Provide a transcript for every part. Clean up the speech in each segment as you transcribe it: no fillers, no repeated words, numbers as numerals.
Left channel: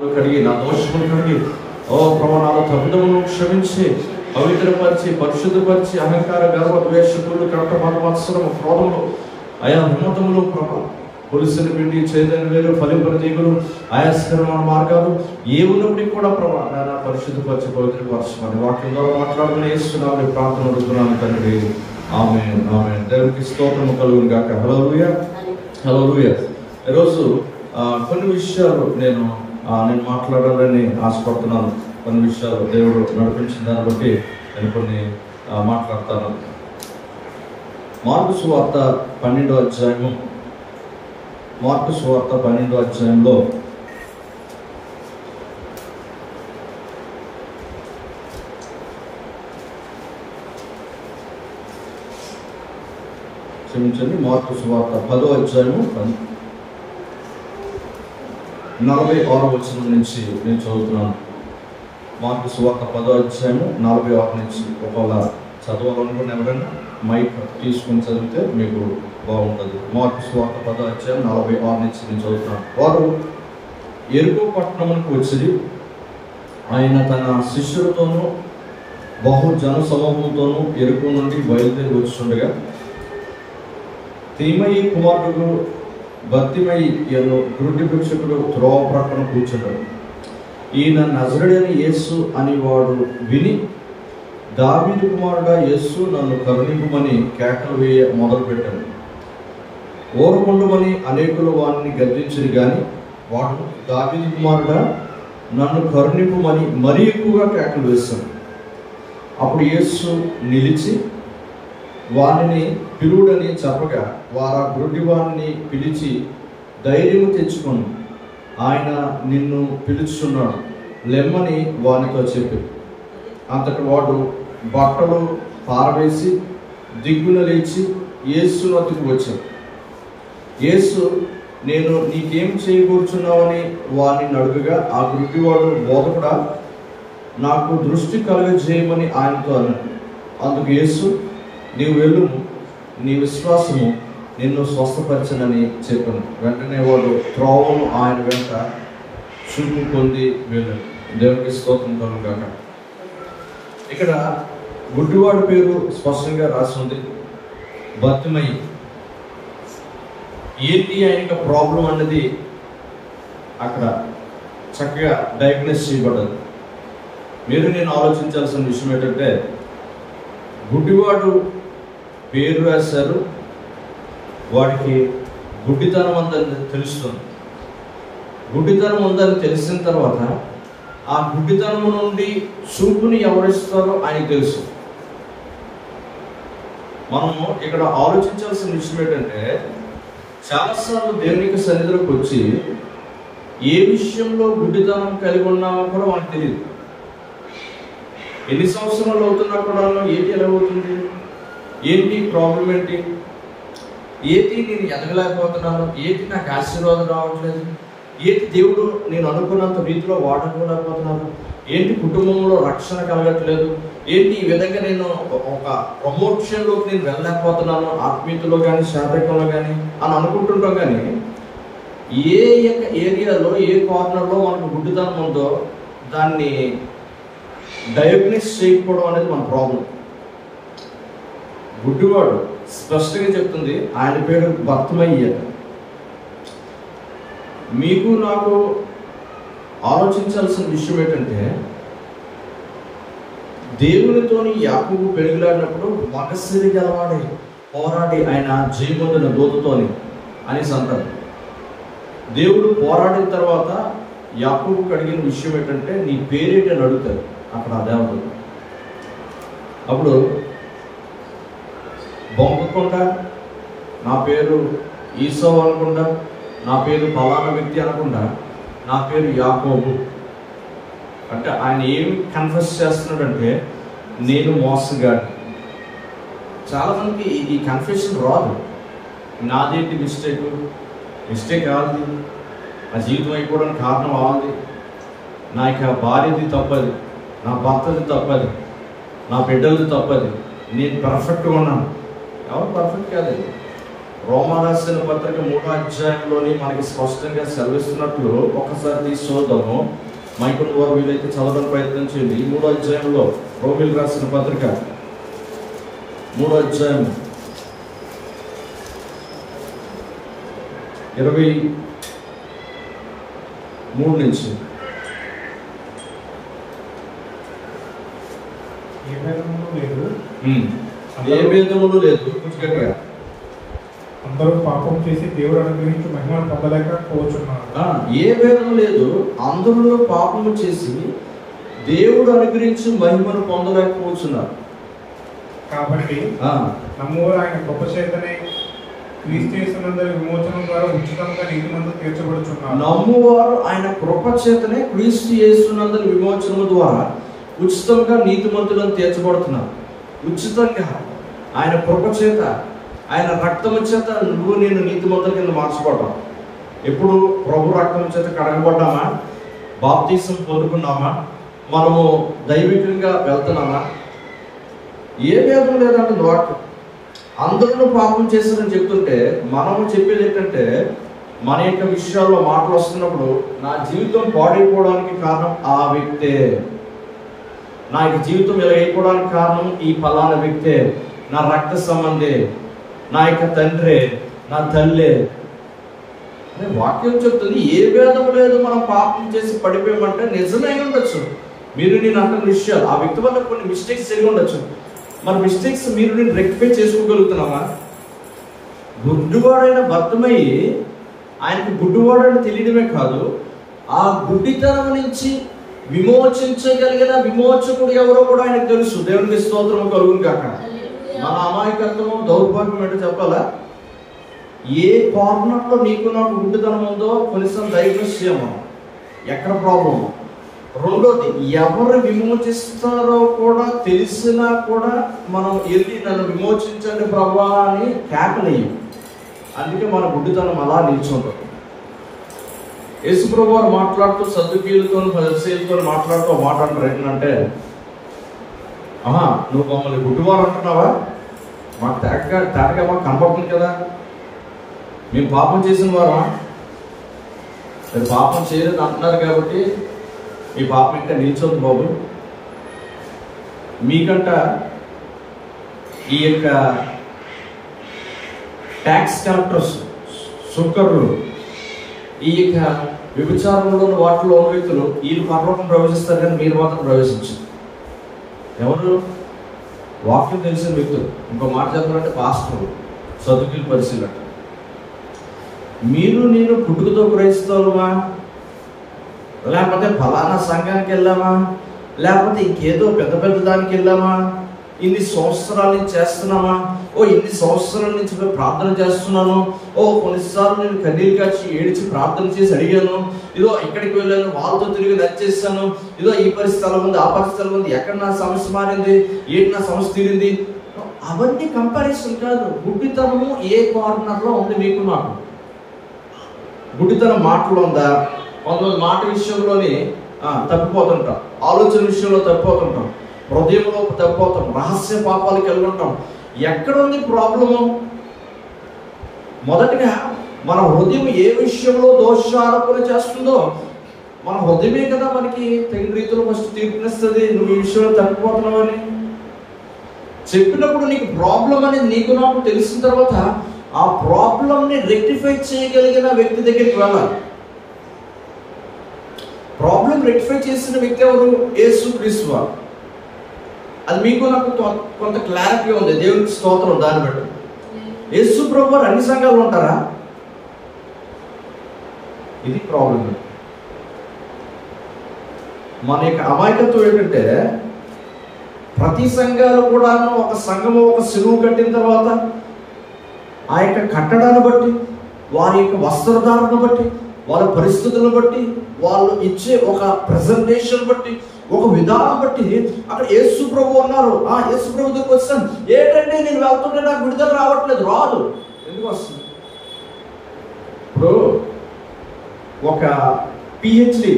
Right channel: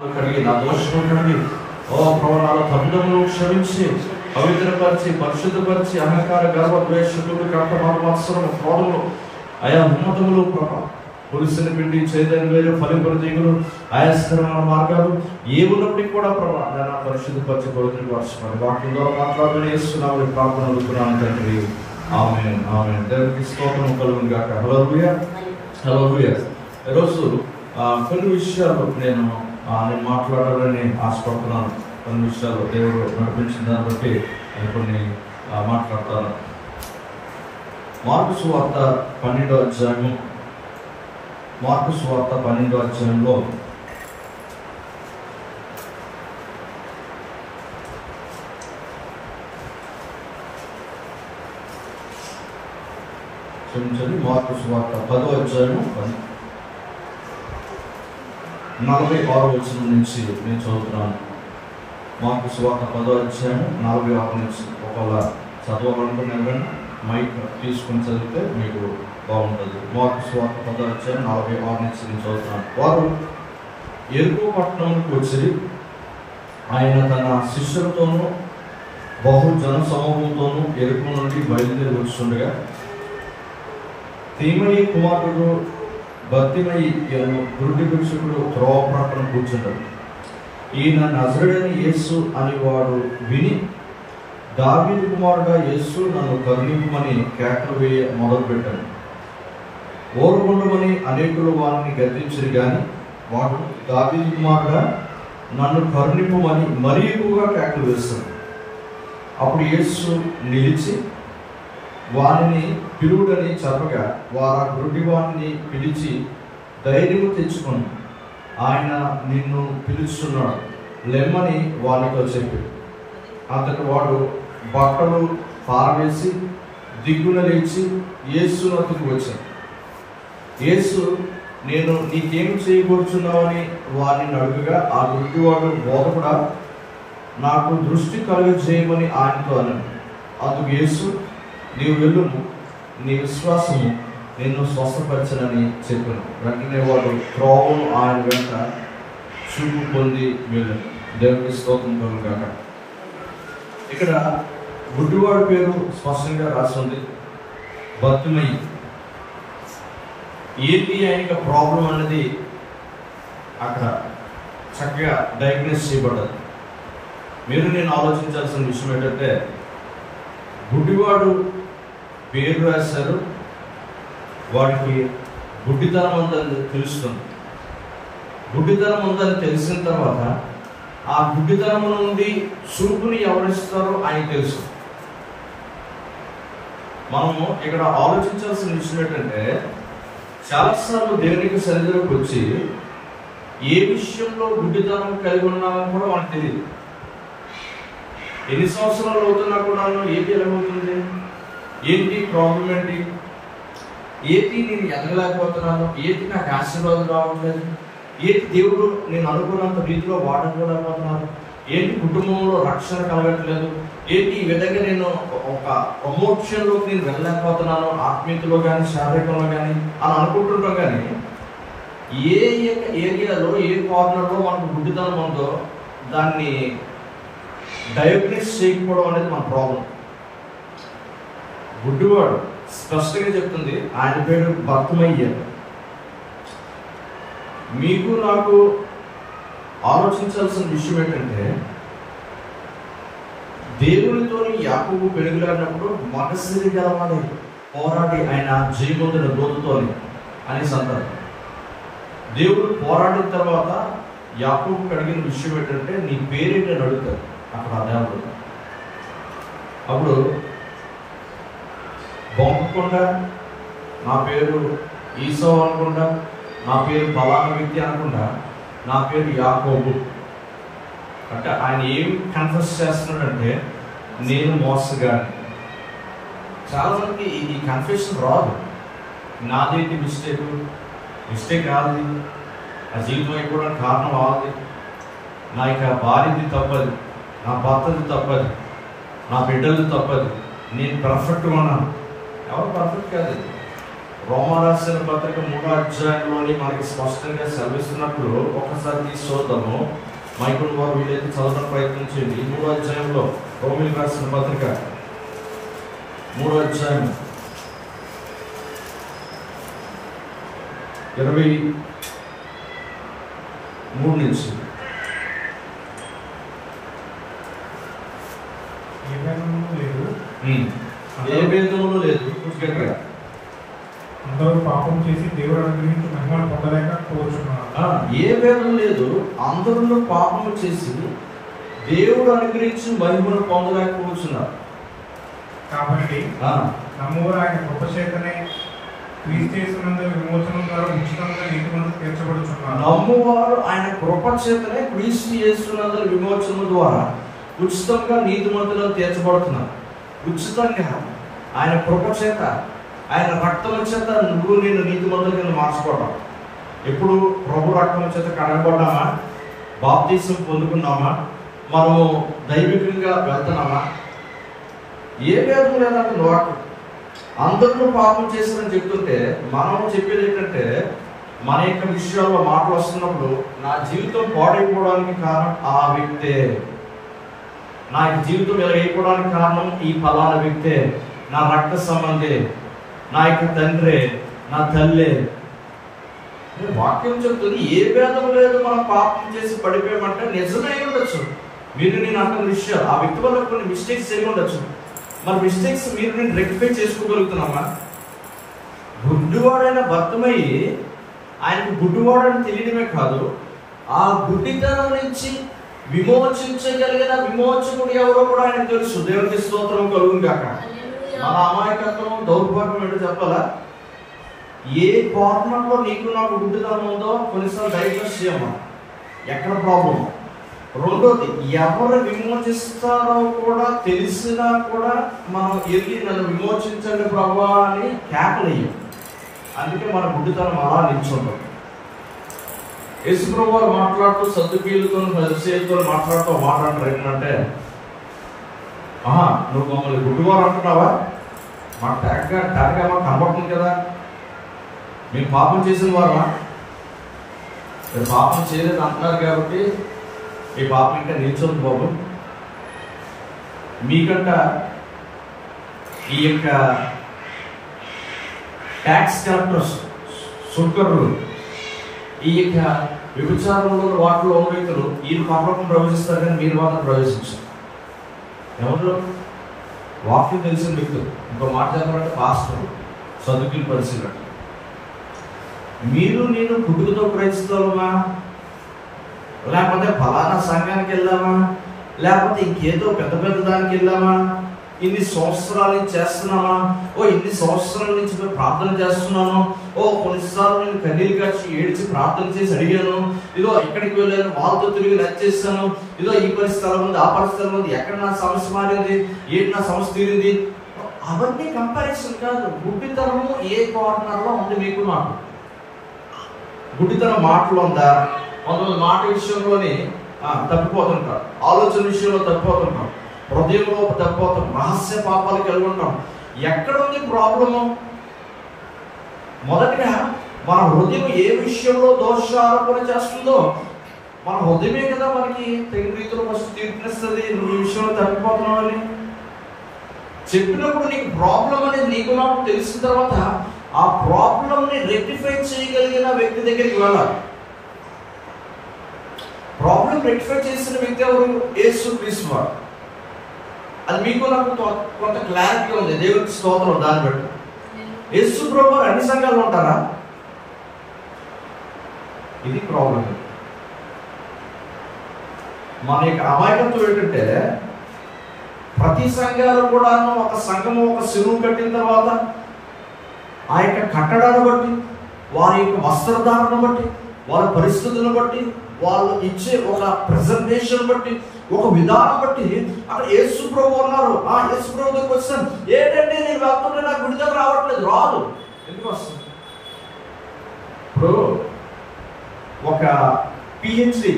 కడిగి నా దోషములు కడిగి ఓ ప్రభు నాలో తప్పుదములను క్షమించి పవిత్రపరిచి పరిశుద్ధపరిచి అహంకార గర్వ ద్వేషకులు కర్త మత్సరము క్రోధములు ఆయా ఉన్నతములు పులిసిన పిండి చేదని వీరు ఫలింపని తీగులు ఆయాస్కరమైన మార్గాలు ఏ ఉన్నప్పటికీ కూడా ప్రభా నేను పరిశుద్ధపరిచి పవిత్రపరచమని వాక్యం ద్వారా మాట్లాడుతూనే ఇస్తున్నామని ప్రార్థన అడుగుతున్నాను తండ్రి. ఆమేన్ ఆమేన్. దేవునికి స్తోత్రము కలుగును గాక. హల్లెలూయా హల్లెలూయా. ఈరోజు కొన్ని విషయాలు నేను మాట్లాడాలని ఆశపడుతున్నాను. కొన్ని విషయాలు దేవుడు నడిపించిన దాన్ని బట్టి నేను కొన్ని మాట్లాడతాను. మార్కు సువార్త 12వ అధ్యాయము, మార్కు సువార్త 12వ అధ్యాయంలో క్షమించండి, మార్కు సువార్త 10వ అధ్యాయము 46వ వచనం నుంచి నేను చదువుతున్నాను. మార్కు సువార్త 10వ అధ్యాయము 46 నుంచి. ఒకవేళ చదవాలనుకున్న ఎవరైనా మైక్ తీసుకుని చదివితే మీకు బాగుంటుంది. మార్కు సువార్త 10వ అధ్యాయం 46 నుంచి నేను చదువుతున్నాను. వారు ఎరుకో పట్టణమునకు వచ్చి ఆయన తన శిష్యులతోనూ బహు జన సమూహంతోనూ ఎరుకో నుండి బయలుదేరి వచ్చుండగా తీమయి కుమారుడు భర్తిమయి అను గురుడి భిక్షకుడు త్రోవ ప్రక్కన కూర్చుంటాడు. ఈయన నజరుడైన యేసు అని వాడు విని, దావీదు కుమారుడా యేసు, నన్ను కరుణింపమని కేకలు వేయ మొదలుపెట్టాను. ఓరకుండమని అనేకులు వారిని గద్దించరు గాని వాడు, దావీదు కుమారుడా నన్ను కరుణింపమని మరీ ఎక్కువగా కేకలు వేస్తాను. అప్పుడు యేసు నిలిచి వానిని పిలువుడని చెప్పగా వారు ఆ గుడ్డి వాణిని పిలిచి, ధైర్యము తెచ్చుకొని ఆయన నిన్ను పిలుచున్నాడు, లెమ్మని వానితో చెప్పి. అంతటి వాడు బట్టలు పారవేసి దిగ్గున లేచి యేసు వద్దకు వచ్చాడు. యేసు, నేను నీకేం చేయకూర్చున్నావని వారిని అడుగుగా ఆ గుడ్డివాడు, బోధకుడా నాకు దృష్టి కలుగజేయమని ఆయనతో అన్నాడు. అందుకు యేసు, నీవు వెళ్ళుము, నీ విశ్వాసము నిన్ను స్వస్థపరచనని చెప్పాను. వెంటనే వాడు త్రోవను ఆయన వెంట చూపు పొంది వెళ్ళాడు. దేవునికి స్తోత్రం కలుగును గాక. ఇక్కడ గుడ్డివాడి పేరు స్పష్టంగా రాసి ఉంది, భర్తిమయి. ఏంటి ఆయనకి ప్రాబ్లం అన్నది అక్కడ చక్కగా డయాగ్నోస్ చేయబడ్డది. మీరు నేను ఆలోచించాల్సిన విషయం ఏంటంటే, గుడ్డివాడు పేరు రాశారు, వాడికి గుడ్డితనం ఉందని తెలుస్తుంది. గుడ్డితనం ఉందని తెలిసిన తర్వాత ఆ గుడ్డితనం నుండి చూపుని ఎవరిస్తారో ఆయనకు తెలుసు. మనము ఇక్కడ ఆలోచించాల్సిన విషయం ఏంటంటే, చాలాసార్లు దేవునికి సన్నిధిలోకి వచ్చి ఏ విషయంలో గుడ్డితనం కలిగి ఉన్నామో కూడా మనకు తెలియదు. ఎన్ని సంవత్సరాలు అవుతున్నా కూడా ఏంటి ఎలా అవుతుంది, ఏంటి ప్రాబ్లం, ఏంటి నేను ఎదగలేకపోతున్నాను, ఏంటి నాకు ఆశీర్వాదం రావట్లేదు, ఏంటి దేవుడు నేను అనుకున్నంత రీతిలో వాడకపోలేకపోతున్నాను, ఏంటి కుటుంబంలో రక్షణ కలగట్లేదు, ఏంటి ఈ విధంగా నేను ఒక ప్రమోషన్లోకి నేను వెళ్ళలేకపోతున్నాను, ఆత్మీయతలో కానీ శారీరకంలో కానీ అని అనుకుంటుంటాం. కానీ ఏ ఏరియాలో ఏ కార్నర్లో మనకు గుడ్డితనం ఉందో దాన్ని డయాగ్నోస్ చేయకపోవడం అనేది మన ప్రాబ్లం. గుడ్డివాడు స్పష్టంగా చెప్తుంది, ఆయన పేరు భర్తిమయి. మీకు నాకు ఆలోచించాల్సిన విషయం ఏంటంటే, దేవునితోని యాకోబు పెరుగులాడినప్పుడు మగసిరి గలవాడే పోరాడి ఆయన జయమొందిన దూతతోని అనేసి అంటారు. దేవుడు పోరాడిన తర్వాత యాకోబుకు అడిగిన విషయం ఏంటంటే, నీ పేరేంటి అని అడుగుతారు అక్కడ ఆ దేవుడు. అప్పుడు బొంకకుండా నా పేరు ఈసావు అనకుండా, నా పేరు ఫలానా వ్యక్తి అనకుండా, నా పేరు యాకోబు అంటే ఆయన ఏం కన్ఫెస్ చేస్తున్నాడంటే, నేను మోసగాడు. చాలామందికి ఈ కన్ఫెషన్ రాదు. నాదేంటి మిస్టేక్ కాదు, నా జీవితం అయిపోవడానికి కారణం వాళ్ళది, నా యొక్క భార్యది తప్పది, నా భర్తది తప్పది, నా బిడ్డలది తప్పది, నేను పర్ఫెక్ట్గా ఉన్నాను. ఎవరు పర్ఫెక్ట్ కాదు. రోమా రాసిన పత్రిక 3వ అధ్యాయంలోని మనకి స్పష్టంగా సెలవిస్తున్నట్లు ఒక్కసారి తీసి చూద్దాము. మైకులు వారు వీలైతే చదవడానికి ప్రయత్నం చేయండి. 3వ అధ్యాయంలో రోమిలకు రాసిన పత్రిక 3వ అధ్యాయం 23 నుంచి. ఏ భేదములు లేదు. అందరూ పాపం చేసి దేవుడు అనుగ్రహించి మహిమను పొందలేకపోవచ్చున్నారు. ఏ భేదం లేదు. అందరూ పాపము చేసి దేవుడు అనుగ్రహించి మహిమను పొందలేకపోవచ్చున్నారు. కాబట్టి నమ్మువారు ఆయన కృప చేతనే క్రీస్తు యేసునందు విమోచనం ద్వారా ఉచితంగా నీతిమంతులు తీర్చబడుచున్నారు. నమ్మువారు ఆయన కృప చేతనే క్రీస్తు యేసునందు విమోచనం ద్వారా ఉచితంగా నీతిమంతులను తీర్చబడుతున్నారు. ఉచితంగా ఆయన కృప చేత, ఆయన రక్తము చేత నువ్వు నేను నీతిమంతుల కింద మార్చబడ్డాం. ఎప్పుడు ప్రభు రక్తం చేత కడగబడ్డామా, బాప్తీసం పొందుకున్నామా, మనము దైవికంగా వెళ్తున్నామా? ఏ భేదం లేదంటే వాక్యం. అందరూ పాపం చేశారని చెప్తుంటే మనం చెప్పేది ఏంటంటే, మన యొక్క విషయాల్లో మాటలు వస్తున్నప్పుడు నా జీవితం పాడైపోవడానికి కారణం ఆ వ్యక్తే, నా యొక్క జీవితం ఇలా అయిపోవడానికి కారణం ఈ ఫలానా వ్యక్తే, నా రక్త సంబంధే, నా యొక్క తండ్రి, నా తల్లి. వాక్యం చెప్తుంది ఏ భేదం లేదు. మనం పాపం చేసి పడిపోయామంటే నిజమే ఉండొచ్చు. మీరు నేను అంటున్న విషయాలు ఆ వ్యక్తి వల్ల కొన్ని మిస్టేక్స్ జరిగి ఉండొచ్చు. మన మిస్టేక్స్ మీరు నేను రెక్టిఫై చేసుకోగలుగుతున్నామా? గుడ్డివాడైన భర్తమయ్యి ఆయనకు గుడ్డివాడని తెలియడమే కాదు, ఆ గుడ్డితనం నుంచి విమోచించగలిగిన విమోచకుడు ఎవరో కూడా ఆయనకు తెలుసు. దేవునికి స్తోత్రం కలుగును కాక. మన అమాయకత్వం, దౌర్భాగ్యం ఏంటో చెప్పాలా? ఏ కార్నర్లో నీకు నాకు గుడ్డితనం ఉందో కొన్నిసార్లు డయాగ్నోస్ చేయమని. ఎక్కడ ప్రాబ్లం? రెండోది, ఎవరు విమోచిస్తారో కూడా తెలిసినా కూడా మనం వెళ్ళి నన్ను విమోచించండి ప్రభా అని కేకలేయం. అందుకే మన గుడ్డితనం అలా నిల్చుంటాం. యేసు ప్రభు వారు మాట్లాడుతూ సద్దుకీయులతో పరిసయ్యులతో మాట్లాడుతూ మాట అంటారు ఏంటంటే, నువ్వు మమ్మల్ని గుడ్డివారు అంటున్నావా? మాకు తేటగా మాకు కనపడుతుంది కదా, మేము పాపం చేసిన వారమా? మీరు పాపం చేయలేదు అంటున్నారు కాబట్టి మీ పాపం ఇంకా నిల్చోదు బాబు. మీకంట ఈ యొక్క ట్యాక్స్ కలెక్టర్స్, సుంకరులు, ఈ యొక్క వ్యభిచారంలో వాటిలో ఉన్న వ్యక్తులు వీళ్ళు పరలోకం ప్రవేశిస్తారు కానీ మీరు మాత్రం ప్రవేశించారు. ఎవరు? వాక్యం తెలిసిన వ్యక్తులు. ఇంకో మాట చెప్పాలంటే పాస్టర్లు, సదుకీలు, పరిశీలన. మీరు నేను పుట్టుకతో క్రైస్తవులమా, లేకపోతే ఫలానా సంఘానికి వెళ్ళామా, లేకపోతే ఇంకేదో పెద్ద పెద్ద దానికి వెళ్ళామా, ఇన్ని సంవత్సరాల నుంచి చేస్తున్నామా, ఇన్ని సంవత్సరాల నుంచి ప్రార్థన చేస్తున్నాను, కొన్నిసార్లు నేను కన్నీళ్ళు కాచి ఏడ్చి ప్రార్థన చేసి అడిగాను, ఇదో ఇక్కడికి వెళ్ళాను, వాళ్ళతో తిరిగి నచ్చేసాను, ఇదో ఈ పరిస్థితుల ఉంది, ఆ పరిస్థితుల ఉంది, ఎక్కడ నా సమస్య మారింది, ఏంటి నా సమస్య తీరింది. అవన్నీ కంపారిజన్ కాదు. గుడ్డితనము ఏ కార్నర్లో ఉంది మీకు నాకు? గుడ్డితనం మాటలో ఉందా? కొంతమంది మాట విషయంలోనే తప్పిపోతుంటాం, ఆలోచన విషయంలో తప్పిపోతుంటాం, హృదయంలో తప్పిపోతాం, రహస్య పాపాలు కలిగి ఉంటాం. ఎక్కడ ఉంది ప్రాబ్లము? మొదటిగా మన హృదయం ఏ విషయంలో దోషారోపణ చేస్తుందో మన హృదయమే కదా మనకి తగిన రీతిలో ఫస్ట్ తీర్పునిస్తుంది. నువ్వు ఈ విషయంలో తప్పిపోతున్నావని చెప్పినప్పుడు నీకు ప్రాబ్లం అనేది నీకు నాకు తెలిసిన తర్వాత ఆ ప్రాబ్లంని రెక్టిఫై చేయగలిగిన వ్యక్తి దగ్గరికి వెళ్ళాలి. ప్రాబ్లం రెక్టిఫై చేసిన వ్యక్తి ఎవరు? యేసు క్రీస్తు వారు. అది మీకు నాకు కొంత క్లారిటీ ఉంది. దేవునికి స్తోత్రం. దాన్ని బట్టి యేసు ప్రభు వారు అన్ని సంఘాలు ఉంటారా? ఇది ప్రాబ్లం. మన యొక్క అమాయకత్వం ఏంటంటే ప్రతి సంఘాలు కూడా ఒక సంఘము ఒక చెరువు కట్టిన తర్వాత ఆ యొక్క కట్టడాన్ని బట్టి, వారి యొక్క వస్త్రధారణ బట్టి, వాళ్ళ పరిస్థితులను బట్టి, వాళ్ళు ఇచ్చే ఒక ప్రెజెంటేషన్ బట్టి, ఒక విధానం బట్టి అక్కడ యేసు ప్రభు ఉన్నారు. ఆ యేసు ప్రభు దగ్గరికి వచ్చాను, ఏంటంటే నేను వెళ్తుంటే నాకు విడుదల రావట్లేదు. రాదు. ఎందుకు వస్తుంది? ఇప్పుడు ఒక పిహెచ్డి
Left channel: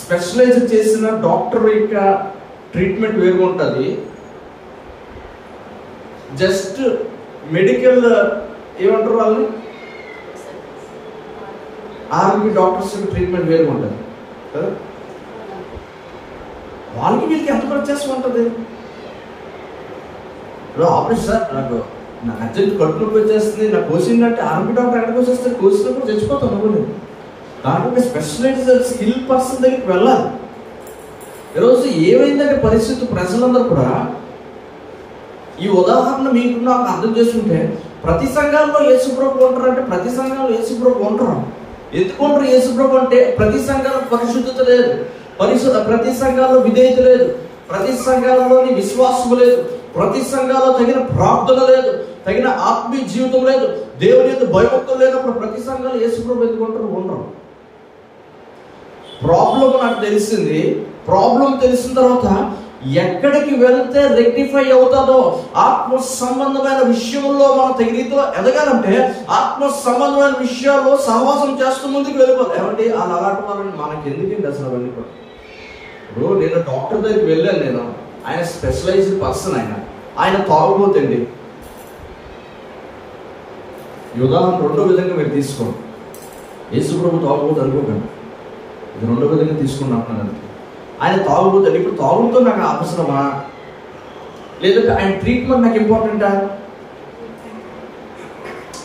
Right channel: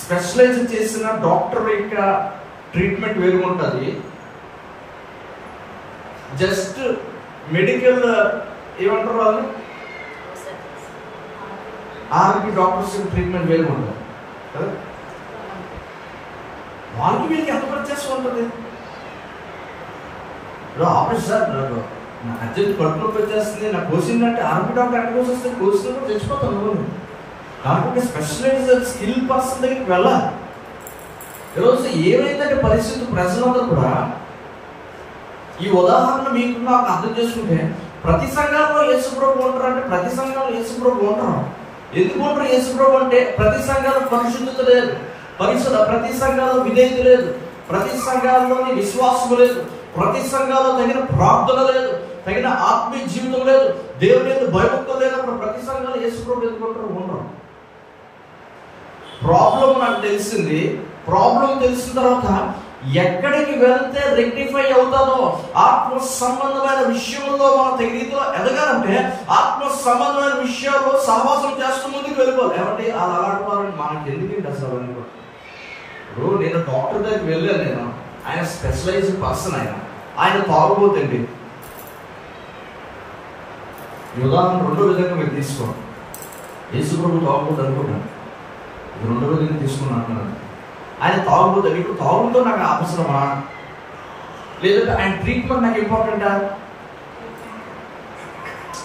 స్పెషలైజ్ చేసిన డాక్టర్ యొక్క ట్రీట్మెంట్ వేరుగా ఉంటుంది. జస్ట్ మెడికల్ ఏమంటారు వాళ్ళని? ఆర్మీ డాక్టర్స్ ట్రీట్మెంట్ వేరు ఉంటుంది కదా. వాళ్ళకి వీళ్ళకి ఎంత వ్యత్యాసం ఉంటుంది? ఆపరేషన్ సార్ నాకు అర్జెంట్ కడుపు నొప్పి వచ్చేస్తుంది, నాకు కోసిందంటే ఆర్మీ డాక్టర్ ఎక్కడికి వచ్చేస్తే కోసినప్పుడు చచ్చిపోతాను ఇవ్వలేదు. దానికి ఒక స్పెషలైజ్డ్ స్కిల్ పర్సన్ దగ్గరికి వెళ్ళాలి. ఈరోజు ఏమైందంటే పరిస్థితి ప్రజలందరూ కూడా ఈ ఉదాహరణ మీకు నాకు అర్థం చేసుకుంటే, ప్రతి సంఘాల్లో యేసుప్రభు ఉంటారు అంటే ప్రతి సంఘంలో యేసుప్రభు ఉంటారు. ఎందుకు ఉంటారు యేసుప్రభు అంటే ప్రతి సంఘంలో పరిశుద్ధత లేదు, ప్రతి సంఘాల్లో విధేయత లేదు, ప్రతి సంఘాల్లోని విశ్వాసం లేదు, ప్రతి సంఘాల్లో తగిన ప్రార్థన లేదు, తగిన ఆత్మీయ జీవితం లేదు, దేవుని యొక్క భయభక్తులు లేనప్పుడు ప్రతి సంఘాలు యేసుప్రభు ఎందుకుంటారు? ఉండరు. ప్రాబ్లం నాకు తెలిసింది. ప్రాబ్లం తెలిసిన తర్వాత ఎక్కడికి వెళ్తే రెక్టిఫై అవుతుందో, ఆత్మ సంబంధమైన విషయంలో మనం తగిన రీతిలో ఎదగాలంటే ఆత్మ సంబంధమైన విషయాల్లో సహవాసం చేస్తూ ముందుకు వెళ్ళిపోవాలి. ఏమంటే అలా అలాంటి వాళ్ళని మనకి ఎందుకంటే అసలు అవన్నీ కూడా. ఇప్పుడు నేను డాక్టర్ దగ్గరికి వెళ్ళాను, ఆయన స్పెషలైజ్డ్ పర్సన్, ఆయన తాగుబోతండి. ఈ ఉదాహరణ రెండో విధంగా మీరు తీసుకోండి. యేసుప్రభు తాగుబోతు అనుకోకండి, రెండో విధంగా తీసుకున్నాను. ఆయన తాగుబోతాడు. ఇప్పుడు తాగుడుతో నాకు అవసరమా, లేదంటే ఆయన ట్రీట్మెంట్ నాకు ఇంపార్టెంటా?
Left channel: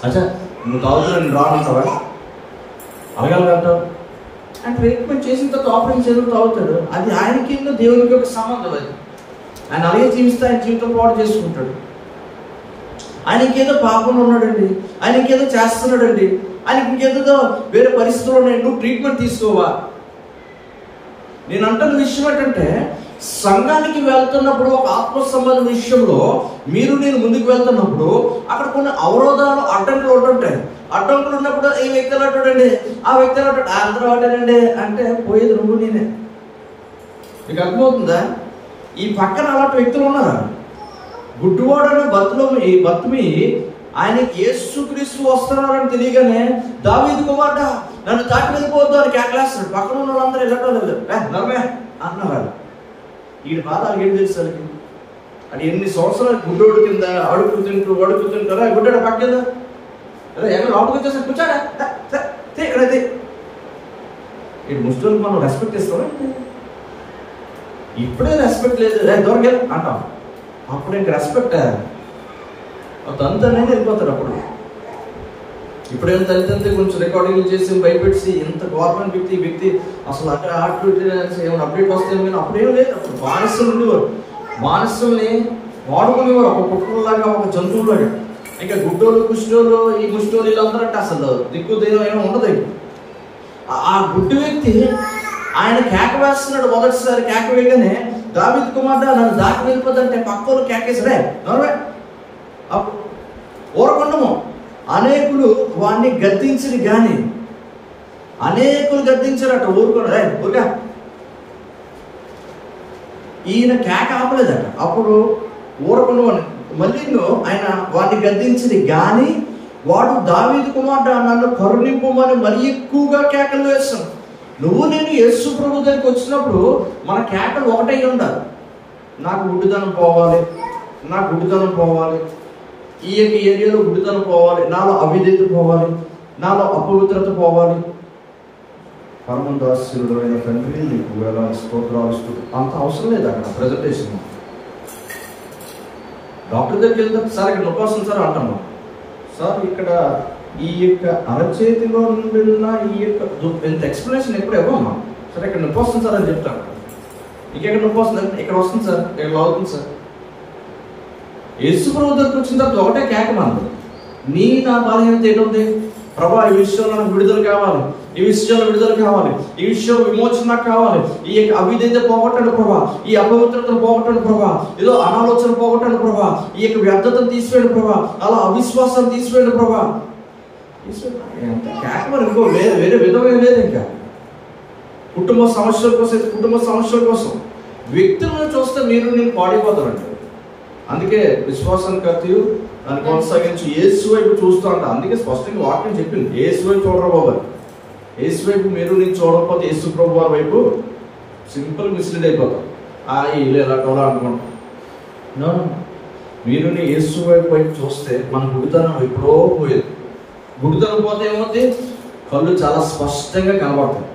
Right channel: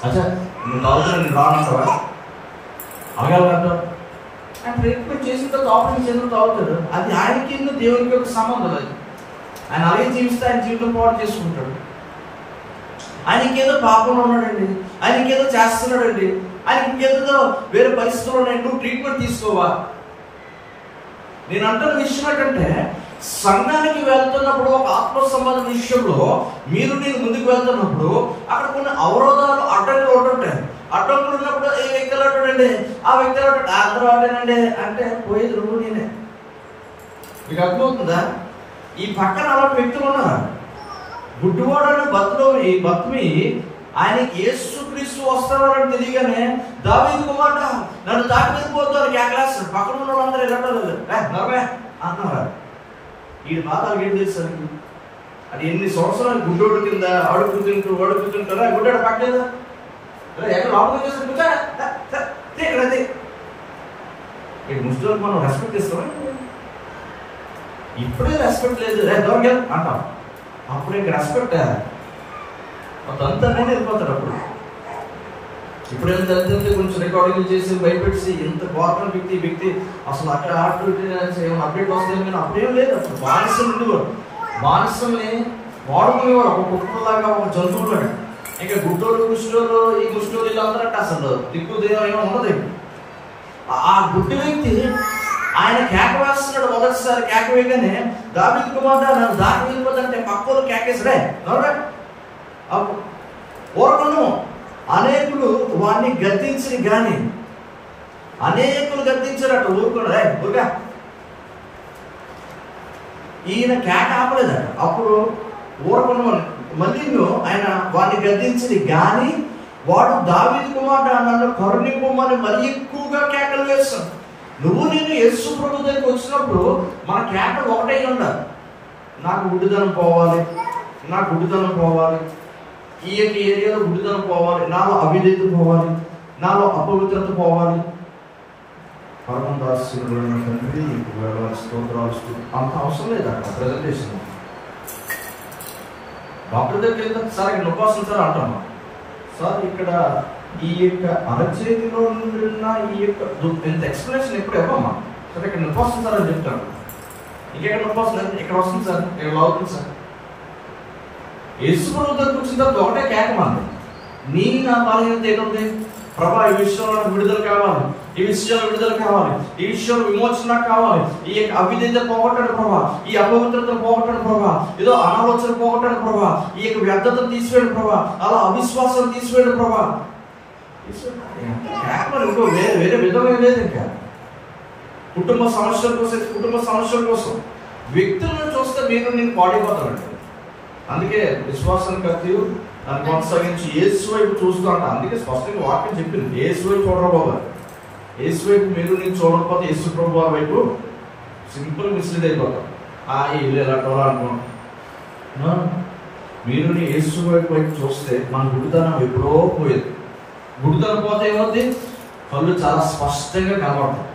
అచ్చా నువ్వు తాగుతున్నా నేను రానంటావా? అడగలగంటావు. ఆయన ట్రీట్మెంట్ చేసిన తర్వాత ఆపరేషన్ చేసిన తాగుతాడు. అది ఆయనకి దేవునికి ఒక సంబంధం. అది ఆయన అలాగే జీవిస్తే ఆయన జీవితం పాటు చేసుకుంటాడు. ఆయనకి ఏదో పాపం ఉన్నాడండి, ఆయనకి ఏదో చేస్తున్నాడండి, ఆయనకి ఇంకేదో వేరే పరిస్థితులు ఉన్నాయి, నువ్వు ట్రీట్మెంట్ తీసుకోవా? నేను అంటున్న విషయం ఏంటంటే, సంఘానికి వెళ్తున్నప్పుడు ఒక ఆత్మ సంబంధ విషయంలో మీరు నేను ముందుకు వెళ్తున్నప్పుడు అక్కడ కొన్ని అవరోధాలు, అడ్డంకులు ఉంటుంటాయి. అడ్డంకులు ఉన్నప్పుడు ఈ వ్యక్తి అంటాడండి, ఆ వ్యక్తి అంటాడు, అందరూ అంటాడండి అంటే పోయేది నువ్వు నేనే. మీకు అర్థమవుతుందా? ఈ పక్కన అలాంటి వ్యక్తులు ఉన్నారా? గుడ్డివాడని బతుమి ఆయన యేసుక్రీస్తు వస్తున్నారని తెలియగానే దావీదు కుమారుడా నన్ను దాటి వెళ్ళిపోవద్దు అని కేకలేస్తాడు. పక్కన ఉన్న వాళ్ళందరూ వెళ్ళటం నరమే అన్నారు. ఈ బాధలు ఏం తెలుసు అది ఎన్ని సంవత్సరాలు గుడ్డోడు కింద అడుగుతుంటారా గుడ్డాడు పక్కన అరే ఎక్కడ లోపలికి వచ్చేసి కూర్చోడా ఇక్కడది. ఈ ముస్లింలకు మనం రెస్పెక్ట్ ఇస్తాం. ఇప్పుడే రెస్పెక్ట్ లేదు, దూరం అంటాం. అప్పుడు ఇంక రెస్పెక్ట్ తంతనే వెళ్ళిపోతాడు. అప్పుడు ఇప్పుడేమో తల్లిదండ్రులు కొంచెం రికార్డింగ్ చేసి భయపెట్టి ఇంత గవర్నమెంట్ వ్యక్తి అసలు అక్కడ ఏమైనా అప్డేట్ వస్తే కానీ అప్పుడేం లేదు. అప్పుడు బానిసలు ఉండేవారు, బానిసల్ని వాడుకునేవారు ఒక కుక్కల్లాగా, ఒక జంతువులాగా. ఇంకా గుడ్డోళ్ళు కుష్ఠోళ్ళు ఈ కుష్ఠోళ్ళు వీళ్ళందరూ అంటే అసలు దిక్కు దేవం ఏమో ఉండదు. ఆ గుడ్డి వ్యక్తి ఆయన కేక వేస్తున్నాడు. మొదటిసారి కేక వేయగానే దావీదు కుమారుడా నన్ను దాటి వెళ్ళిపోతుంటే పక్కోళ్ళు కేకేసరే ఊరకుండము. అనేకులు వాడిని గద్దించని కానీ అనేకులు గద్దించారట. ఊరుకోండి ఊరుగా. ఈయన కేక ఆపలేదట. అప్పుడు ఊరకుండమని మళ్ళీ ఆయన వాడిని గద్దించింది కానీ వాడు దావీదు కుమారుడు నన్ను కరుణింపమని మరీ ఎక్కువగా కేకలు వేస్తాను. నువ్వు నేను యేసు ప్రభు దగ్గరికి వచ్చినప్పుడు మన కేకలు ఒకటై ఉండాలి. నాకు గుడ్డితనం పోవాలి, నాకు గుడ్డితనం పోవాలి, ఈ యొక్క ఏరియాలో గుడ్డితనం పోవాలి, నాలో అవిధేయత పోవాలి, నాలో అపవిత్రత పోవాలి. పరమదాసుడు అయిన తండ్రి వేలాది స్తోత్రాలు. అంత అవసరం లేదు అక్కడ ప్రజెంటేషన్. డాక్టర్ దగ్గరికి వెళ్తే సార్ ఇక్కడ నొప్పి వస్తుంది సార్ అంటాము. సార్ ఇక్కడ ఈ యొక్క అరచేతిలో నుండి ఉన్న ఈ యొక్క ఇంత ఎక్స్ప్లెనేషన్ ఎప్పుడు ఇవ్వమ్మా. సార్ ఇక్కడ నొప్పి వస్తుంది సార్ అని చెప్తాను. ఇంకెక్కడ నొప్పి వస్తుంది, ఇక్కడ వస్తుంది సార్, ఇక్కడ అవుతుంది సార్. యేసు ప్రభు దగ్గరికి వచ్చిన తర్వాత ఒకటే కేకమంది, నీ నా బలహీనత ఏంటుంది ప్రభా, ఈ విషయంలో నాకు విడుదల కావాలి, ఈ విషయంలో విడుదల కావాలి, ఈ విషయంలో విమోచన నాకు కావాలి, ఈ యొక్క అవిధేయత పోగొట్టాడు ప్రభా, ఈ అపవిత్రతను పోగొట్టాడు ప్రభా, ఏదో అనాలోచన పోగొట్టాడు ప్రభా, ఈ యొక్క వ్యర్థతను తీసివేయండి ప్రభా, అలా అవిశ్వాసాన్ని తీసివేయండి ప్రభా. కేక మరి ఇంకో వేరే విధంగా లేదు. ఇంకా కుటుంబ సమస్యల కోసం వ్యక్తులను చూస్తే మీరు నేను పాడైపోతానండి. అందుకే విశ్వాసానికి కర్తయు దాన్ని కొనసాగించి యేసు వైపు చూస్తూ ఉంటా. అందుకే స్పష్టంగా వాక్యం చెప్పింది, యేసు వైపు చూడరా బాబు. యేసు వైపు మీరు నేను చూడకపోతే యేసు ప్రభు వారి వైపు సింపుల్ మిస్లీడ్ అయిపోతాం. వీళ్ళు ఎలా చూడాలనుకుంటాం. మీరుని యేసు వైపు చూస్తే మన గుడితనం ఎప్పుడో పోయేది. గుడితనం పోతే ఏమవుతుంది? కళ్ళు చాలా స్పష్టంగా కనబడతాయి.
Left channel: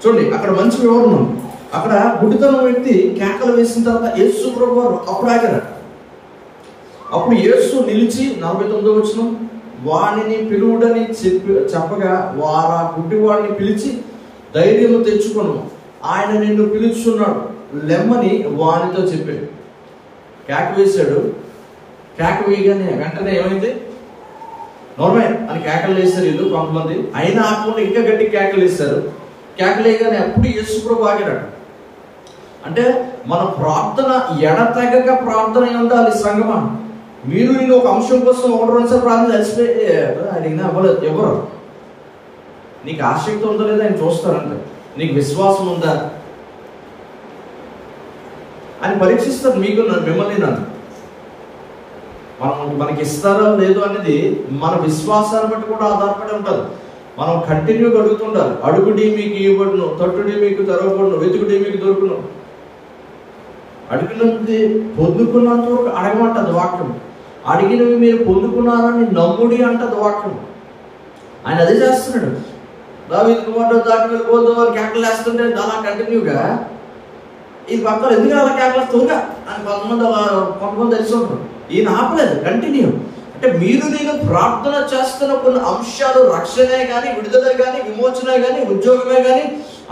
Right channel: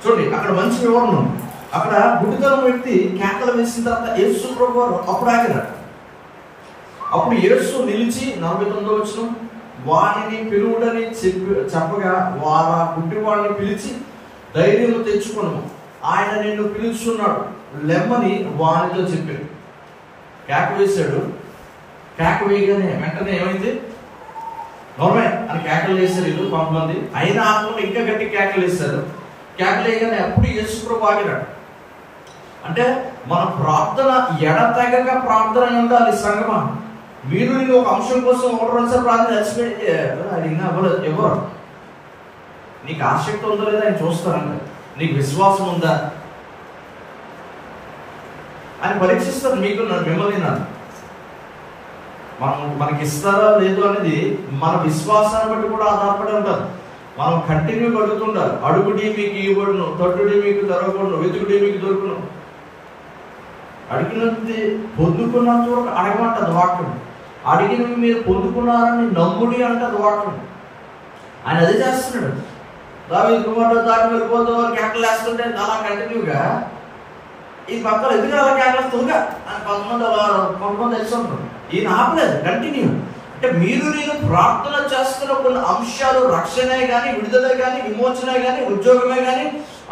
చూడండి, అక్కడ మంచి వివరణ ఉంది. అక్కడ గుడితనం వ్యక్తి కేకలు వేసిన తర్వాత యేసు ప్రభు వారు అప్పుడు ఆగారు. అప్పుడు యేసు నిలిచి 49వ వచనం, వానిని పిలువుడని చెప్పగా వారు ఆ గుడ్డివాడిని పిలిచి, ధైర్యం తెచ్చుకొను, ఆయన నిన్ను పిలుచున్నాడు, లెమ్మని వానితో చెప్పాడు. కేక వేశాడు. కేక వేయగానే వెంటనే ఏమైంది? నార్మల్ అని కేకలు వేశారు వీళ్ళు కొంతమంది. అయినా ఆకుండా ఇంకా గట్టి కేకలు వేశారు. కేకలు వేయగానే అప్పుడు యేసు ప్రభు ఆగినాడు. అంటే మన ప్రార్థన ఎడతెగక ప్రార్థన ఉండాలి సంగమా. మీరు నేను ఒక అంశం కోసం 1-2 సార్లు ప్రార్థన అలసిపోయి అడిగినా అవ్వలేదు. ఎవరు నీకు ఆసక్తి ఉందా లేదా ఆయన చూస్తారంటే, నీకు విశ్వాసం ఉందా అని పరీక్షిస్తారు. మీకు మిమ్మల్ని నన్ను మనకి ఇస్తారా లేదు అనేది మన విశ్వాసాన్ని బట్టి కూడా ఆధారపడి ఉంటుంది. మనం కంటిన్యూగా అడుగుతుండాలి. అడుగుడి మీకు ఇవ్వబడును, తట్టుడి మీకు తెరవబడును, వెతుకుడి మీకు దొరుకును. అడిగినది పొందుకున్నంత వరకు అడగమంటది వాక్యం. అడిగినవి మీరు పొందుకున్నారని నమ్ముడి అంటది వాక్యం. ఆయన అదే చేస్తున్నాడు. దావీదు కుమారుడు దాకి వెళ్ళిపోతూ వాళ్ళు కేకలు వేస్తుంటే అలా కంటిన్యూగా ఈ పక్కన ఎందుకు అలా కేకలు తోగా అని కొంతమంది తెలిసి ఉంటారు. ఈయన ఆపలేదు, కంటిన్యూ. అంటే మీరు నేను ప్రార్థన చేస్తున్న కొన్ని అంశాలు, రక్షణే కానీ, విడుదలే కానీ, విమోచనే కానీ, ఉద్యోగమే కానీ,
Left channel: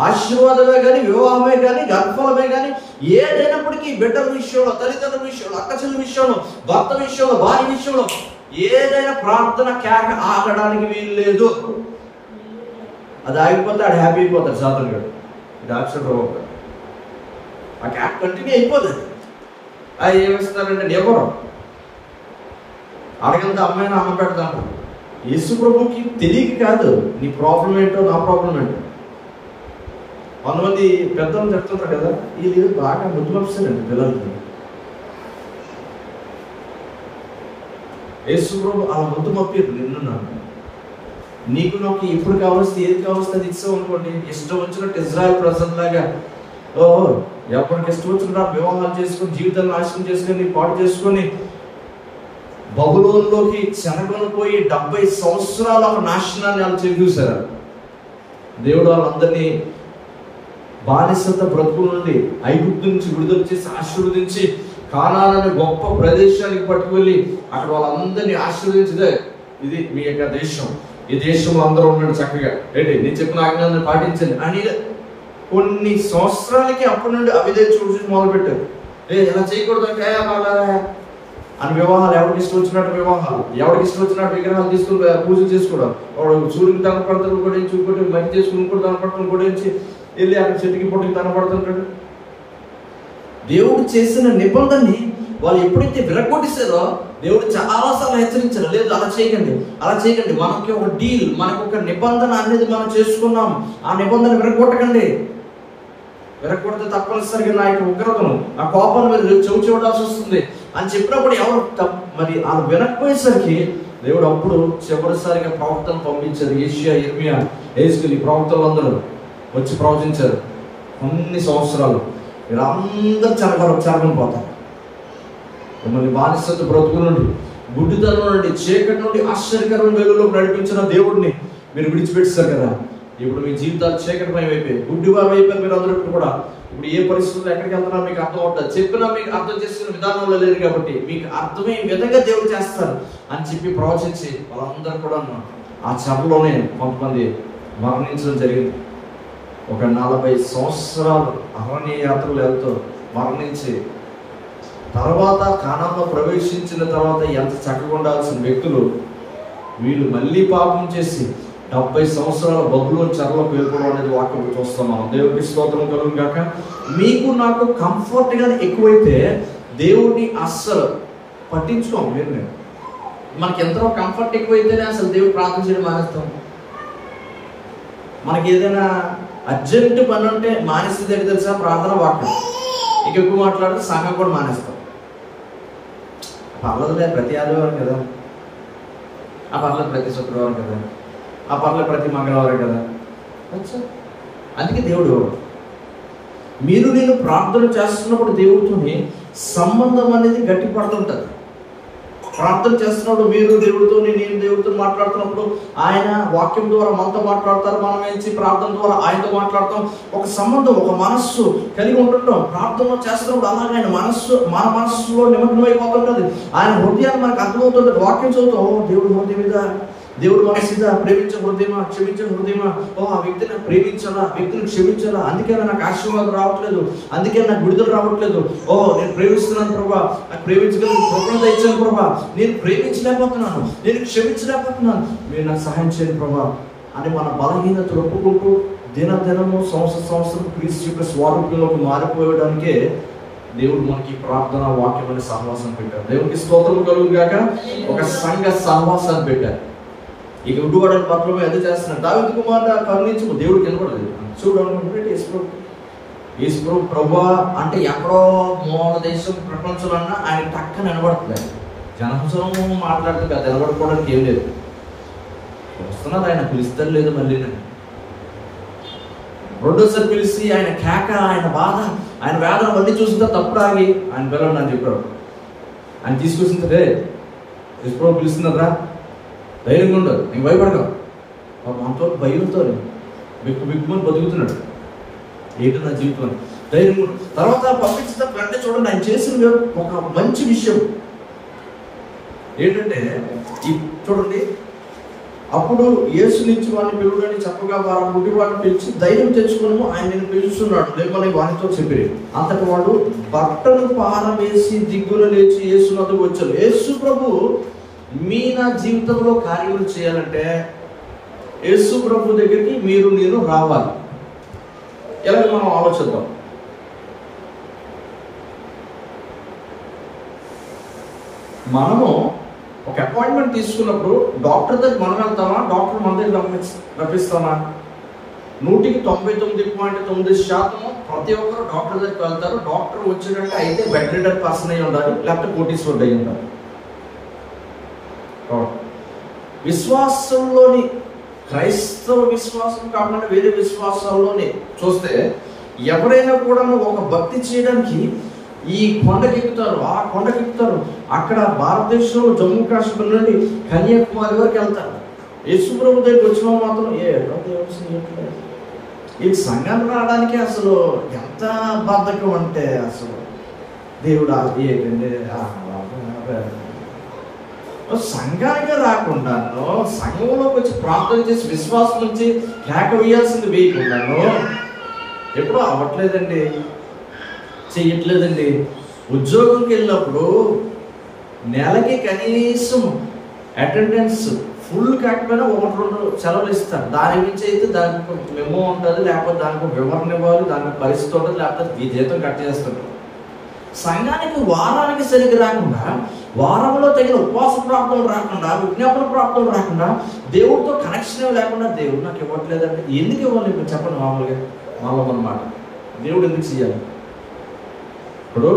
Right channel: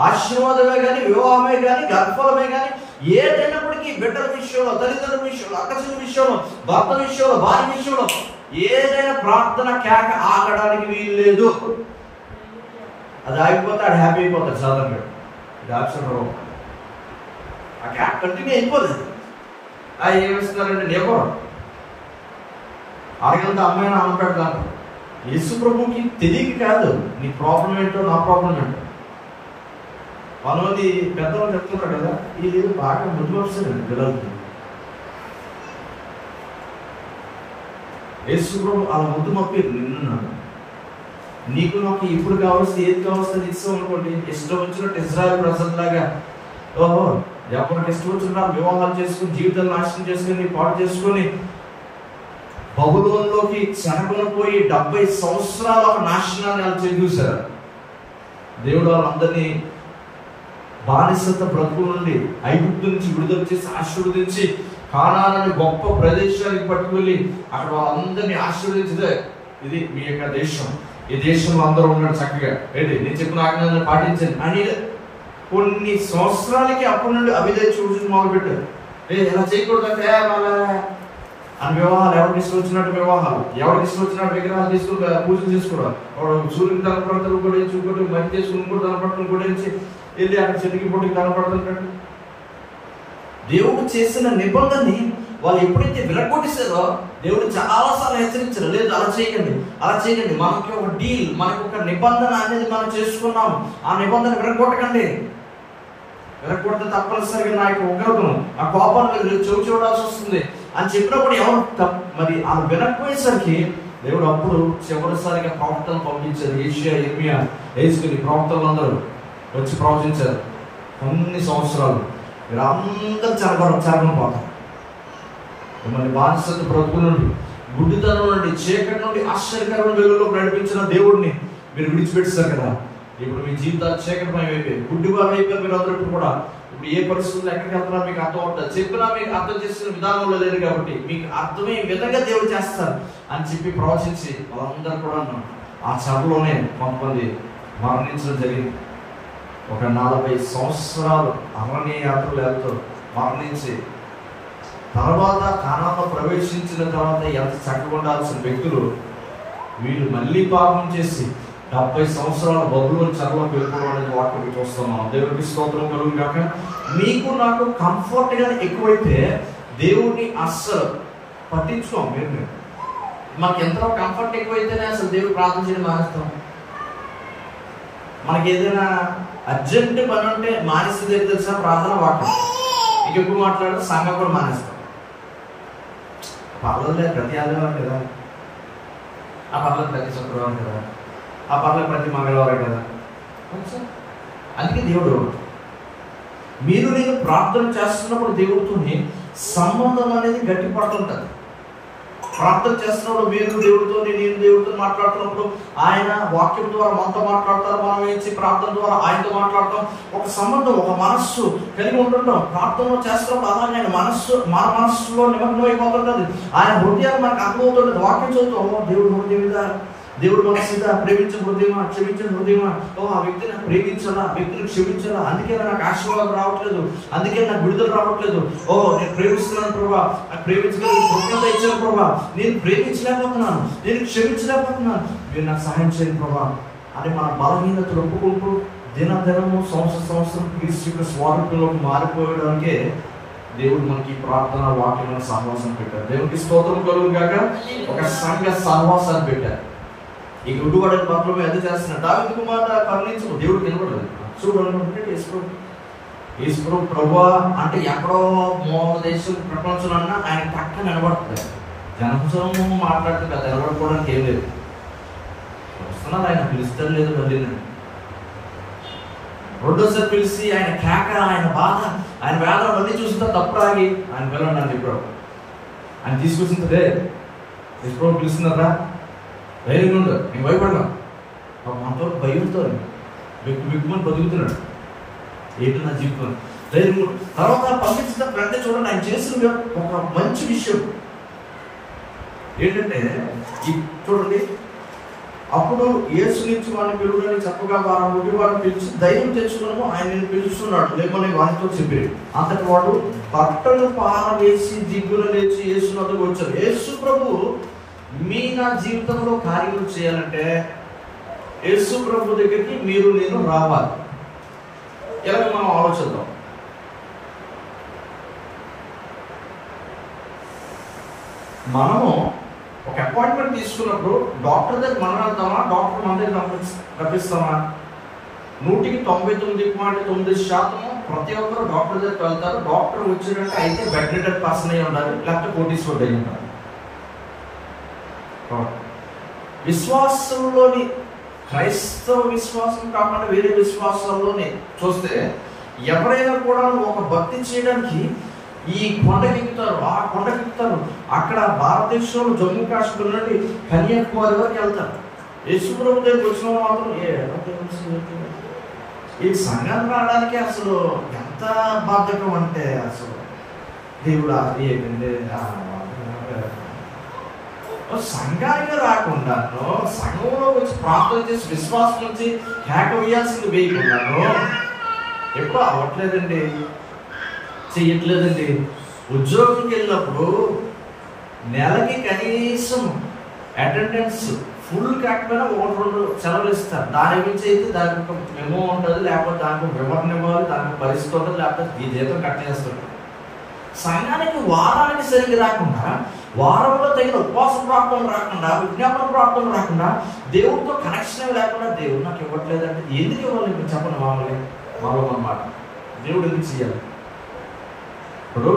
ఆశీర్వాదమే కానీ, వివాహమే కానీ, గర్భఫలమే కానీ, ఏదైనప్పటికీ బిడ్డల విషయంలో, తల్లిదండ్రుల విషయంలో, అక్కచెల్లి విషయంలో, భర్త విషయంలో, భార్య విషయంలో ఏదైనా ప్రార్థన కేక ఆగడానికి వీలు లేదు. అది ఆగిపోతే ఆడు హ్యాపీ అయిపోతాడు సాధారణంగా. ఇది ఆశ్చర్యం. ఆ కేక కంటిన్యూ అయిపోలేదు. అది ఏమిస్తారంటే ఎవరు అడగంత అమ్మాయిని అమ్మ పెడతాను. యేసు ప్రభుకి తెలియక కాదు నీ ప్రాబ్లం ఏంటో నా ప్రాబ్లం ఏంటో. కొంతమంది పెద్దలు చెప్తుంటారు కదా, వీళ్ళు బాగా ముద్దు పంపిస్తారండి పిల్లలకి. యేసు ప్రభు అలా ముద్దు పంపారు. నిన్ను నీకు నాకు ఎప్పుడు కావాల్సి ఏది కావాల్సి అది ఇస్తాం అనుకోండి. ఇష్టం వచ్చినట్టు ఇజ్రాయెల్ ప్రజల్లాగా ఓహో ఎవరికి ఇష్టం వచ్చినట్టు వివాహాలు చేసుకొని జీవితాలు నాశనం చేసుకొని నీ పాటు చేసుకొని బబులోనులోకి చెరగొనిపోయి 70 సంవత్సరాల ఒక నాశనాన్ని వాళ్ళు చెరిగూశారు. దేవుడు వాళ్ళందరినీ బానిసత బ్రతుకుల నుండి ఐగుప్తు నుంచి విడుదల చేసి ఆశీర్వదించి కానాను అనే గొప్ప ప్రదేశానికి పట్టుకువెళ్ళి అక్కడ వాళ్ళందరినీ ఆశీర్వదించదే ఇది మీ యొక్క దేశం, ఈ దేశంలో అందరూ ఉన్నాడు చక్కగా ఏంటి నేను చెప్పిన ఆజ్ఞాన్ని పాటించండి అని కొన్ని సంవత్సరాలకి అప్పటి నుండి అవిధే చూసి మొదలుపెట్టారు. ఎలా చేయకూడదు అంటే అని వివాహాలు, ఎవరికి ఇష్టం వచ్చినట్టు వివాహాలు, ఎవరికి ఇష్టం వచ్చినట్టు విగ్రహాలు తీసుకుని పూజలు చేసుకోవడం. వాడు సూర్యుడికి తనపడతాడు, ఇంకోటి ఇంకోటి మంచి చేసుకుని ఇంకోటి తనపడతాడు, ఇంకోటి నుంచి వెళ్ళి అక్కడ చెట్టుకి పొట్టుకి తనపడుతుంటాడు. దేవుడు చేసిన నిబంధనని వాళ్ళు ఎప్పుడైతే విరగొట్టేశారో దేవుడు చాలాసార్లు హెచ్చరించారు, లేదు అలా చేయకండి, అలా చేయకండి. మనకి ఒక డీల్, మనకు ఒక నిబంధన అనేది మనం చేసుకున్నాం, ఆ నిబంధన విరగొట్టకండి. విరగొడితే తప్పనిసరిగా నా యొక్క ఉగ్రతను, ఆ కోపాన్ని మీరు చెవి చూడాల్సి వస్తుంది అని చెప్పినప్పుడు ఎవరు మరి ఆ వినకపోయేసరికి దేవుడు అప్పుడు చివరిసారిగా ప్రవక్తను పంపించారు. ఏషియా, ఇర్మియా, హెజ్కేలు ప్రవక్తలు అందరూ వచ్చి ప్రవచించారు. అన్ని సంవత్సరాలు మీరు అందరూ చెరగని పోతారు. మిమ్మల్ని బానిసత బ్రతుకు నుండి, గుడ్డితనం నుండి, చీకటి నుండి ఆశ్చర్యకరమైన వెలుగులోకి నడిపించిన దేవుడిని మీరు విడిచిపెట్టారు కదా. ఇప్పుడు మీ జీవితాలు చీకటిమయం అయిపోయి గుడ్డివారు అయిపోయి మీరు అందరూ కూడా ఇప్పుడు ఏ పరిస్థితుల్లో ఎక్కడికి వెళ్తున్నా మీకు అర్థం అవుతుంది. చెప్పినా మీకు అర్థం చేసిన విధానంలో లేదు కాబట్టి మీకు అర్థమయ్యే విధంగా దేవుడు చేస్తారు అని చెప్పి ప్రవచించి వాళ్ళందరూ కూడా ఆ చెరలోనే కొంతమంది మరణించడం జరిగింది. ఒక 40 సంవత్సరాలు అరణ్య యాత్రలు వెళ్తూ మరణించి తర్వాత కానాన్లో ప్రవేశించిన తర్వాత ఎంత చక్కగా ఉండాల్సిన వ్యక్తులు వీళ్ళు మళ్ళీ పాపం చేసి 70 సంవత్సరాలు బబులోను చెరలోకి వెళ్ళిపోవడం అనేది వాక్యం చూస్తాం మనం. దేవుడికి స్తోత్రం కలుగును గాక. మీకు నాకు కంఫర్ట్ గా ఎక్కువైతే దేవుడిని అస్సలు పట్టించుకోం. మీరు మనకి ఎంతో కంఫర్ట్ ఎక్కువైతేనే అసలు దేవుడు ప్రార్థన చేయడం మానేస్తాం. మనకి ఏదైనా అర్జెంట్ పని ఉంటే మానేస్తే ఏంటి తెలుసా? ప్రార్థన, వాక్యం. ఎక్కువ మాట్లాడితే సంఘం కూడా మానేస్తాం. పర్లేదు ప్రతి ఆదివారం కదా, ఆ పర్లేదు ప్రతి శుక్రవారం కదా, ఆ పర్లేదు ప్రతి మంగళవారం కదా. అందుకే దేవుడు మీరు నేను ప్రార్థన చేస్తున్నప్పుడు దేవుడితోని సంబంధం అనేది గట్టి పడుతుంటుంది. ప్రార్థన చేస్తున్నప్పుడు మీరు దేవుడితో, నేను దేవుడితో మాట్లాడుతున్నప్పుడు ఆయన వాక్యం ద్వారా మనతో మాట్లాడతారు, మనం ఏంచి ప్రార్థన ద్వారా ఆయనతో మాట్లాడతాం. ఒక సంబంధం, ఒక మనస్సు కలిగి ఉంటుంటాం. ప్రార్థన చేస్తున్నప్పుడు అలాగే ఆయన మన మనస్సులో నిమగ్నం అయిపోతుంటుంది. ఆయన హృదయాన్ని మనకు అర్థమవుతుంటుంది. వాక్యం చదువుతాం, దేవుడు హృదయం మీద, దేవుడు మనసు మీద, ప్రేమించే హృదయమా, క్షమించే హృదయమా, ఆ వ్యక్తిని ప్రేమించాలా, వ్యక్తిని క్షమించాలా, అందుకే నాకు ఆశీర్వాదం రావట్లేదు, అందుకే నాకు విడుదల రావట్లేదు, నేను ప్రేమిస్తున్నాను ప్రభా, నాకు ప్రేమించగలిగిన కృపణ దయచేయండి ప్రభా, నేను ప్రేమించలేకపోతున్నాను, నేను క్షమించలేకపోతున్నాను, మీరు నాకు సహాయం చేయండి ప్రభా అని మన బలహీనతలు ఒప్పుకుంటూ దినదినము సంవత్సరం క్రీస్తు యొక్క స్వరూపంలోకి మారిపోయడానికే దేవుడు మనకి ప్రార్థన వాక్యం అనే సహవాసం పెట్టారు. దేవునికి స్తోత్రం కలుగు గాక. ఒక సంఘ సహవాసాన్ని పెట్టారు. ఇక ఉడువాడని పత్రమే అది చేస్తున్నాడు. దావీదు కుమారుడు కరుణించు, దేవుడు కనపడలేదు. చూడండి, ఈశ్వరు ప్రభా అంటే ఎక్కడో మోహన దేశం ప్రపంచంలో ఆయన పక్కన నిలబడుతుంది. జనసమూహం మాట్లాడితే పెద్ద నిలబడుకోవడానికి ఏం లేదు. వస్తున్నారు, ఆయన పిలుస్తారు లేదు. మళ్ళీ రెండోసారి పిలిచి ఆయన కేక, ఆయన బాధ, ఆయన వేదన మళ్ళీ చూసిన తప్పుడు ఆగి ఆయన పిల్లడు అని చెప్పాడు. ఆయన తీసుకొచ్చిందే ఈశ్వరు పిలుస్తున్నారా, ధైర్యంగా ఉండదు, నీకు భయపడక. మనతో భయంతో బిక్కుమని బతుకుతున్నాడు. ఏంటి నా జీవితం ధైర్యం. తర్వాత పంపించిన వెంటనే చూడండి, ఆయన చేసిన ఒక మంచి విషయం ఏంటంటే, చూడండి, అప్పుడు యేసు నుంచి వాడిని పిలువని చెప్పగా వారు గుడి వాడిని పిలిచి ధైర్యం తెచ్చుకున్నాము, ఆయన నేను పిలుస్తున్నాడు లేమని వానితో చెప్పి, అంతటి వాడు బట్టలు పారవేసి దిగున లేచి యేసు వద్దకు వచ్చాడు. యేసు ప్రభు మీ నా జీవితంలో కార్యాలు చేయాలంటే యేసు ప్రభు దగ్గరికి మీరు నేను రావాలి. ఎలాగ మనం ఆలోచిద్దాం. మనము ఒక అపాయింట్మెంట్ తీసుకున్నప్పుడు డాక్టర్ దగ్గర మనం వెళ్తామా, డాక్టర్ మన దగ్గర రప్పిస్తామా? 99.9% ప్రతి ఒక్కరు డాక్టర్ దగ్గరికి వెళ్తారు. డాక్టర్ వచ్చినట్టు అయితే బెడ్ రిడర్ పర్సన్ అయి ఉండాలి, లేకపోతే కోటీశ్వరుడు అయి ఉండాలి. విశ్వాసంలోని, క్రైస్తవ విశ్వాసం కాకుండా వేరే విశ్వాసాల్లోని చూస్తే ఎవరైనా కూడా ఒక భక్తి చేయడానికి ఈ కొండకెక్కుతారు, ఆ కొండకెక్కుతారు. అక్కడ భారతదేశంలో జమ్మూ కాశ్మీర్ నుండి కన్యాకుమారి వరకు వెళ్తారు. యేసు ప్రభు దగ్గరికి వచ్చిన మాత్రం ఈ సంఘాన్ని రావడానికి అసలు ఎంత బద్ధకం అంటే, అసలు దేవుడు ఏంటంటే సంఘానికి రాకుండాను, సంఘంలోకి వచ్చి ప్రార్థన చేసి విశ్వాసం నుంచి కేక వేయాల్సింది వేయకుండాను ఎప్పుడూ అవ్వట్లేదండి, చెయ్యట్లేదండి. ఉద్యోగంకి వెళ్ళినప్పుడు నెలకి కనీసం అటెండెన్స్ ఫుల్ కాకపోయినా 1-2 సెలవులు ఇస్తారు. దాని గురించి అయితే దానికి ఒక మెమో ఉంటుంది, లేకపోతే దానికి వివరణ ఇవ్వాలి, దానికి పరిస్థితి ఉంటుంది, లేకపోతే ఈ జీతం కట్ చేస్తారు. సంఘానికి వారానికి సరిగ్గా రాకుండా, వారంలో తగిన ఉపవాస ప్రార్థనలు రాకుండా, విజ్ఞాపన ప్రార్థనలు రాకుండా, దేవుడితో కనెక్షన్ లేకుండా దేవుడు నాకు ఇవ్వట్లేదంటే ఎందుకు ఇవ్వాలి? మీరు చెప్పండి. మామూలుగా అన్నమాట దేవుడు ఎందుకు చేయాలి? ఇప్పుడు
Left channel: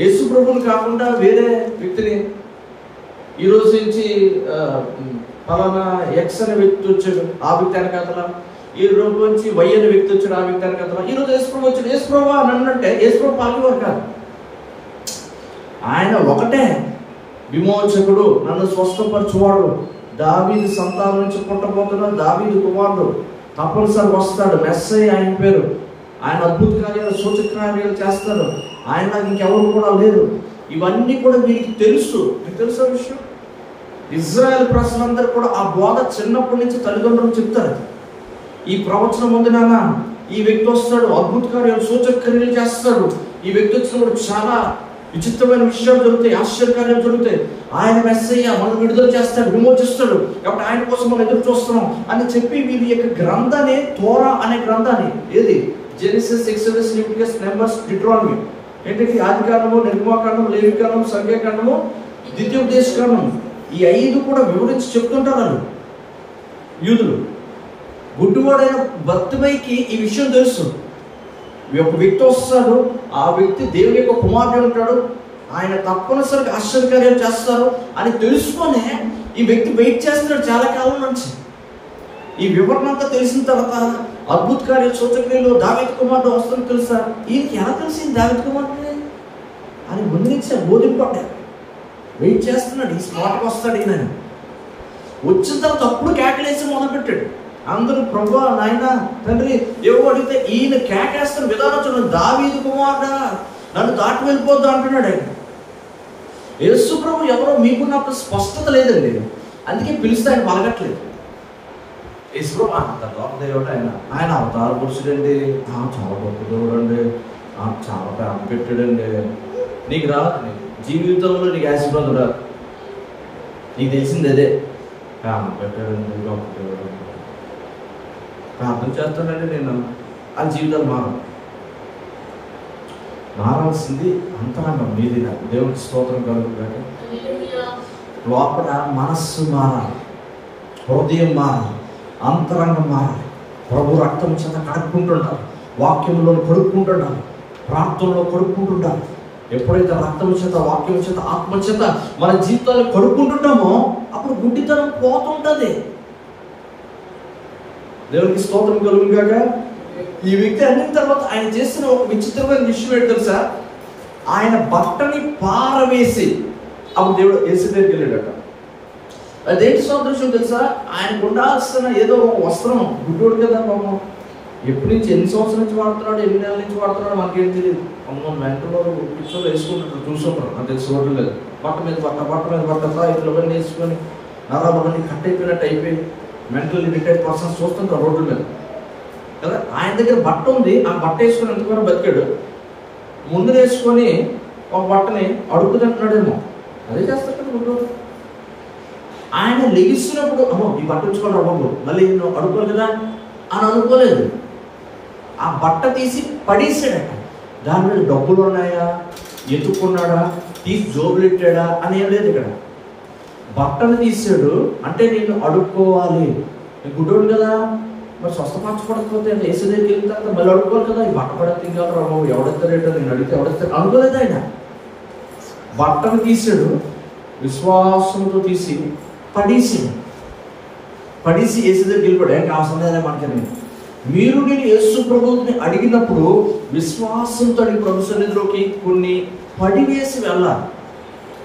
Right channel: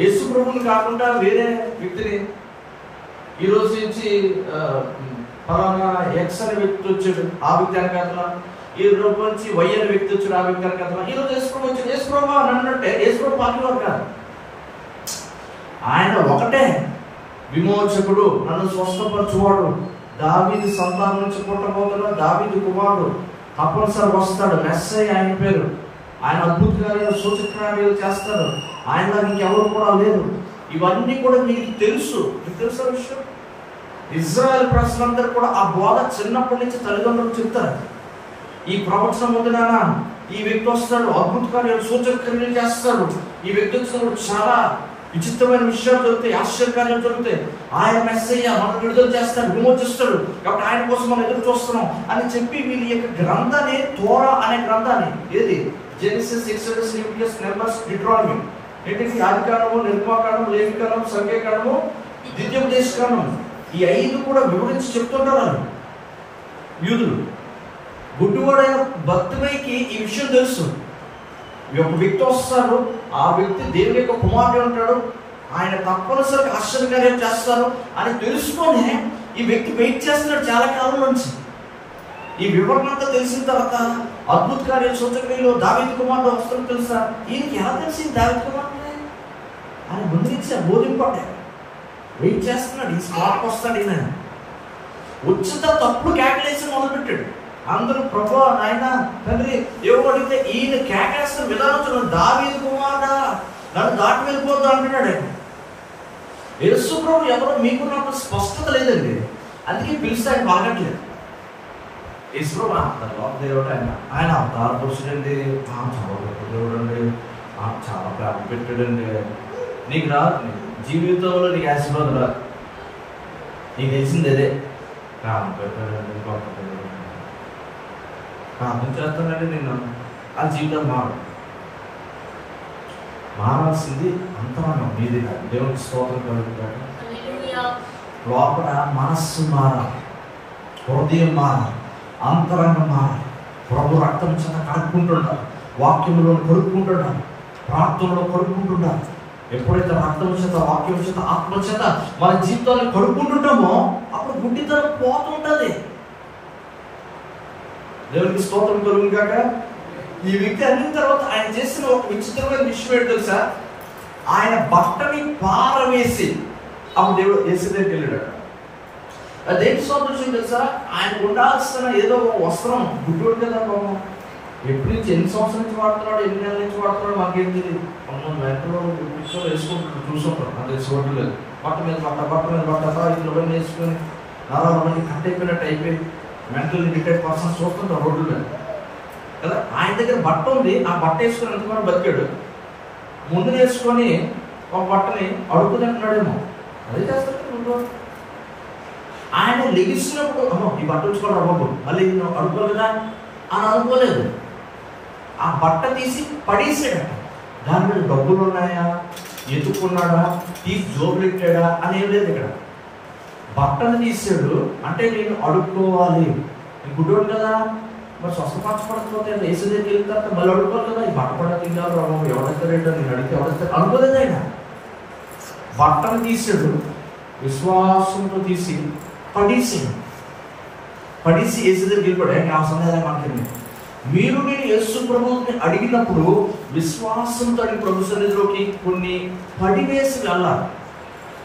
యేసు ప్రభుని కాకుండా వేరే వ్యక్తిని, ఈరోజు నుంచి ఫలానా ఎక్స్ అనే వ్యక్తి వచ్చాడు, ఆ వ్యక్తి వెనకాతల, ఈ రోజు నుంచి వై అనే వ్యక్తి వచ్చాడు, ఆ వ్యక్తి వెనకాతల, ఈరోజు యేసు ప్రభు వచ్చాడు. యేసు ప్రభు అని అంటే యేసు ప్రభు పలికేవారు కాదు. ఆయన ఒకటే విమోచకుడు, నన్ను స్వస్థపరచువాడు, దావీదు సంతానం నుంచి పుట్టబోతున్న దావీదు కుమారుడు, తప్పనిసరి వస్తాడు, మెస్సయ్య ఆయన పేరు, ఆయన అద్భుత కార్యాలు సూచక కార్యాలు చేస్తాడు, ఆయన ఇంకెవరు కూడా లేరు. ఇవన్నీ కూడా వీరికి తెలుసు. మీకు తెలుసా విషయం? ఇజ్రాయెల్ ప్రజలందరూ కూడా ఆ బోధ చిన్నప్పటి నుంచి తల్లిదండ్రులు చెప్తారు. ఈ ప్రవచనం ఉంది నాన్న, ఈ వ్యక్తి వస్తాడు, అద్భుత కార్యాలు సూచక కార్యాలు చేస్తాడు, ఈ వ్యక్తి వచ్చినప్పుడు చాలా విచిత్రమైన విషయాలు జరుగుతాయి, ఆశ్చర్యకార్యాలు జరుగుతాయి, ఆయన మెస్సయ్య మనం విడుదల చేస్తాడు, విమోచిస్తాడు, కాబట్టి ఆయన కోసం మనం ఎదురు చూస్తున్నాం అని చెప్పి వీరి యొక్క గ్రంథాన్ని, తోరా అనే గ్రంథాన్ని, ఏది Genesis, exodus, Leviticus, numbers, Deuteronomy, ఏంటి ఆదికాండము, నిర్గమకాండము, లేవికాండము, సంఖ్యాకాండము, ద్వితీయోపదేశకాండము, ఈ 5 కూడా వివరించి చెప్తుంటారు వాళ్ళు యూదులు. గుడ్డివాడైన బర్తిమయికి ఈ విషయం తెలుసు. ఒక వ్యక్తి వస్తాడు, ఆ వ్యక్తి దేవుని యొక్క కుమారుడు ఉంటాడు, ఆయన తప్పనిసరిగా ఆశ్చర్యకార్యాలు చేస్తారు అని తెలుసుకొనే ఈ వ్యక్తి వెయిట్ చేస్తున్నాడు చాలా కాలం నుంచి. ఈ వివరణ అంతా తెలిసిన తర్వాత అద్భుత కార్యాలు సూచక్రియలు దావీదు కుమారుడు వస్తుంది తెలుసా? ఈయనకి ఎలా తెలిసింది దావీదు కుమారుడే అని ముందు బోధింపడ్డారు. వెయిట్ చేస్తున్నాడు, ఈ స్పాట్కి వస్తాడు ఈయన. వచ్చిన తర్వాత అప్పుడు కేకలేసి మొదలుపెట్టాడు. అందరూ ప్రభు నాయన తండ్రి ఏవో అడిగితే ఈయన కేకేస్తున్న విధానం చూడండి. దావీదు కుమారుడా నన్ను దాటి వెళ్ళిపోద్దు అంటున్నాడు ఆయన. యేసు ప్రభు ఎవరో మీకున్న ఒక స్పష్టత లేదండి, అందుకే పిలిస్తే ఆయన పలకట్లేదు. యేసు ప్రభు అంత గొప్ప దేవుడు ఆయన, ఆయన అవతార పురుషుడండి, చాలా గొప్ప దేవుడు అండి, చాలా ప్రేమ పెట్టాడండి. నీకు రాదు, జీవితంలో నీకు ఆశీర్వాదం రాదు, నీకు తెలిసింది అదే, ప్రేమ పెట్టాడండి, గొప్ప దేవుడు ప్రార్థన చేస్తానండి నేను. ఆ జీవితాలు మారాల్సింది అంతరంగం మీది. నాకు దేవునికి స్తోత్రం కలుగుతాడు. లోపల మనస్సు మారాలి, హృదయం మారాలి, అంతరంగం మారాలి. ప్రభు రక్తం చేత కడుక్కుంటుండాలి, వాక్యంలో కడుక్కుంటుండాలి, ప్రార్థనలో కడుక్కుంటుండాలి. ఎప్పుడైతే రక్తం చేత, వాక్యం చేత, ఆత్మ చేత మన జీవితాన్ని కడుక్కుంటుంటామో అప్పుడు గుడ్డితనం పోతుంటుంది. దేవునికి స్తోత్రం కలుగుగాక. ఈ వ్యక్తి అన్నిన తర్వాత ఆయన చేసిన ఒక విచిత్రమైన విషయం ఏంటి తెలుసా? ఆయన బట్టని పారవేసి అప్పుడు దేవుడు యేసు దగ్గరికి వెళ్ళాడట. అదేంటి సోదృశ్యం తెలుసా? ఆయనకు ఉండాల్సిన ఏదో ఒక వస్త్రం, గుడ్డోడు కదా పాపం, ఎప్పటి నుంచి ఎన్ని సంవత్సరాల నుంచి వాడుతున్నాడు, ఎన్ని నెలల నుంచి వాడుతున్నాడు మనకేం తెలియదు. అమ్మ వెంటలో పిక్చర్లు వేసుకుంటున్నాడు, చూసుకుంటారు, నాకు తెలిసి చూడటం లేదు. బట్ట మీద బట్ట ఇతరులవన్నీ వేసుకొని నరాలవన్నీ కట్ అయిపోయినట్టు అయిపోయి మెంటల్లీ రిటైర్డ్ పర్సన్స్ చూస్తుంటారు రోడ్ల మీద కదా. ఆయన దగ్గర బట్ట ఉంది, ఆ బట్ట వేసుకుని ఎంతవరకు బతికాడు. ముందు వేసుకొని ఒక బట్టని అడుగు తింటున్నాడేమో, అదే చేస్తాడు కదా ముందు. ఆయన లెగిస్తున్నప్పుడు అమ్మో ఈ బట్ట ఉంచుకోవడం అవ్వదు, మళ్ళీ నేను అడుక్కోవాలి కదా అని అనుకోలేదు. ఆ బట్ట తీసి పడేసాడట. దాని మీద డబ్బులు ఉన్నాయా, ఎత్తుకున్నాడా, తీసి జోబులెట్టాడా అని ఏం లేదు ఇక్కడ. బట్టను తీసాడు అంటే నేను అడుక్కోవాలి, నేను గుడ్డోడు కదా, మరి స్వస్థపరచబడకపోతే యేసు దగ్గరికి వెళ్ళిన తర్వాత మళ్ళీ అడుక్కోవాలి కదా, ఈ బట్ట కూడా తింగాలి రావు, ఎవడెక్కరేటో నేను అడిగితే ఎవడెత్తాడు అనుకోలేదు. ఆయన బట్టను తీసాడు, విశ్వాసంతో తీసి పడేసి యేసు దగ్గరికి వెళ్ళిపోయాడు. ఏంటి అవసరం లేదా మనకని. మీరు నేను యేసు ప్రభువుని అడిగినప్పుడు విశ్వాసంతో అడిగి ప్రభు సన్నిధిలోకి కొన్ని పడివేసి వెళ్ళాలి.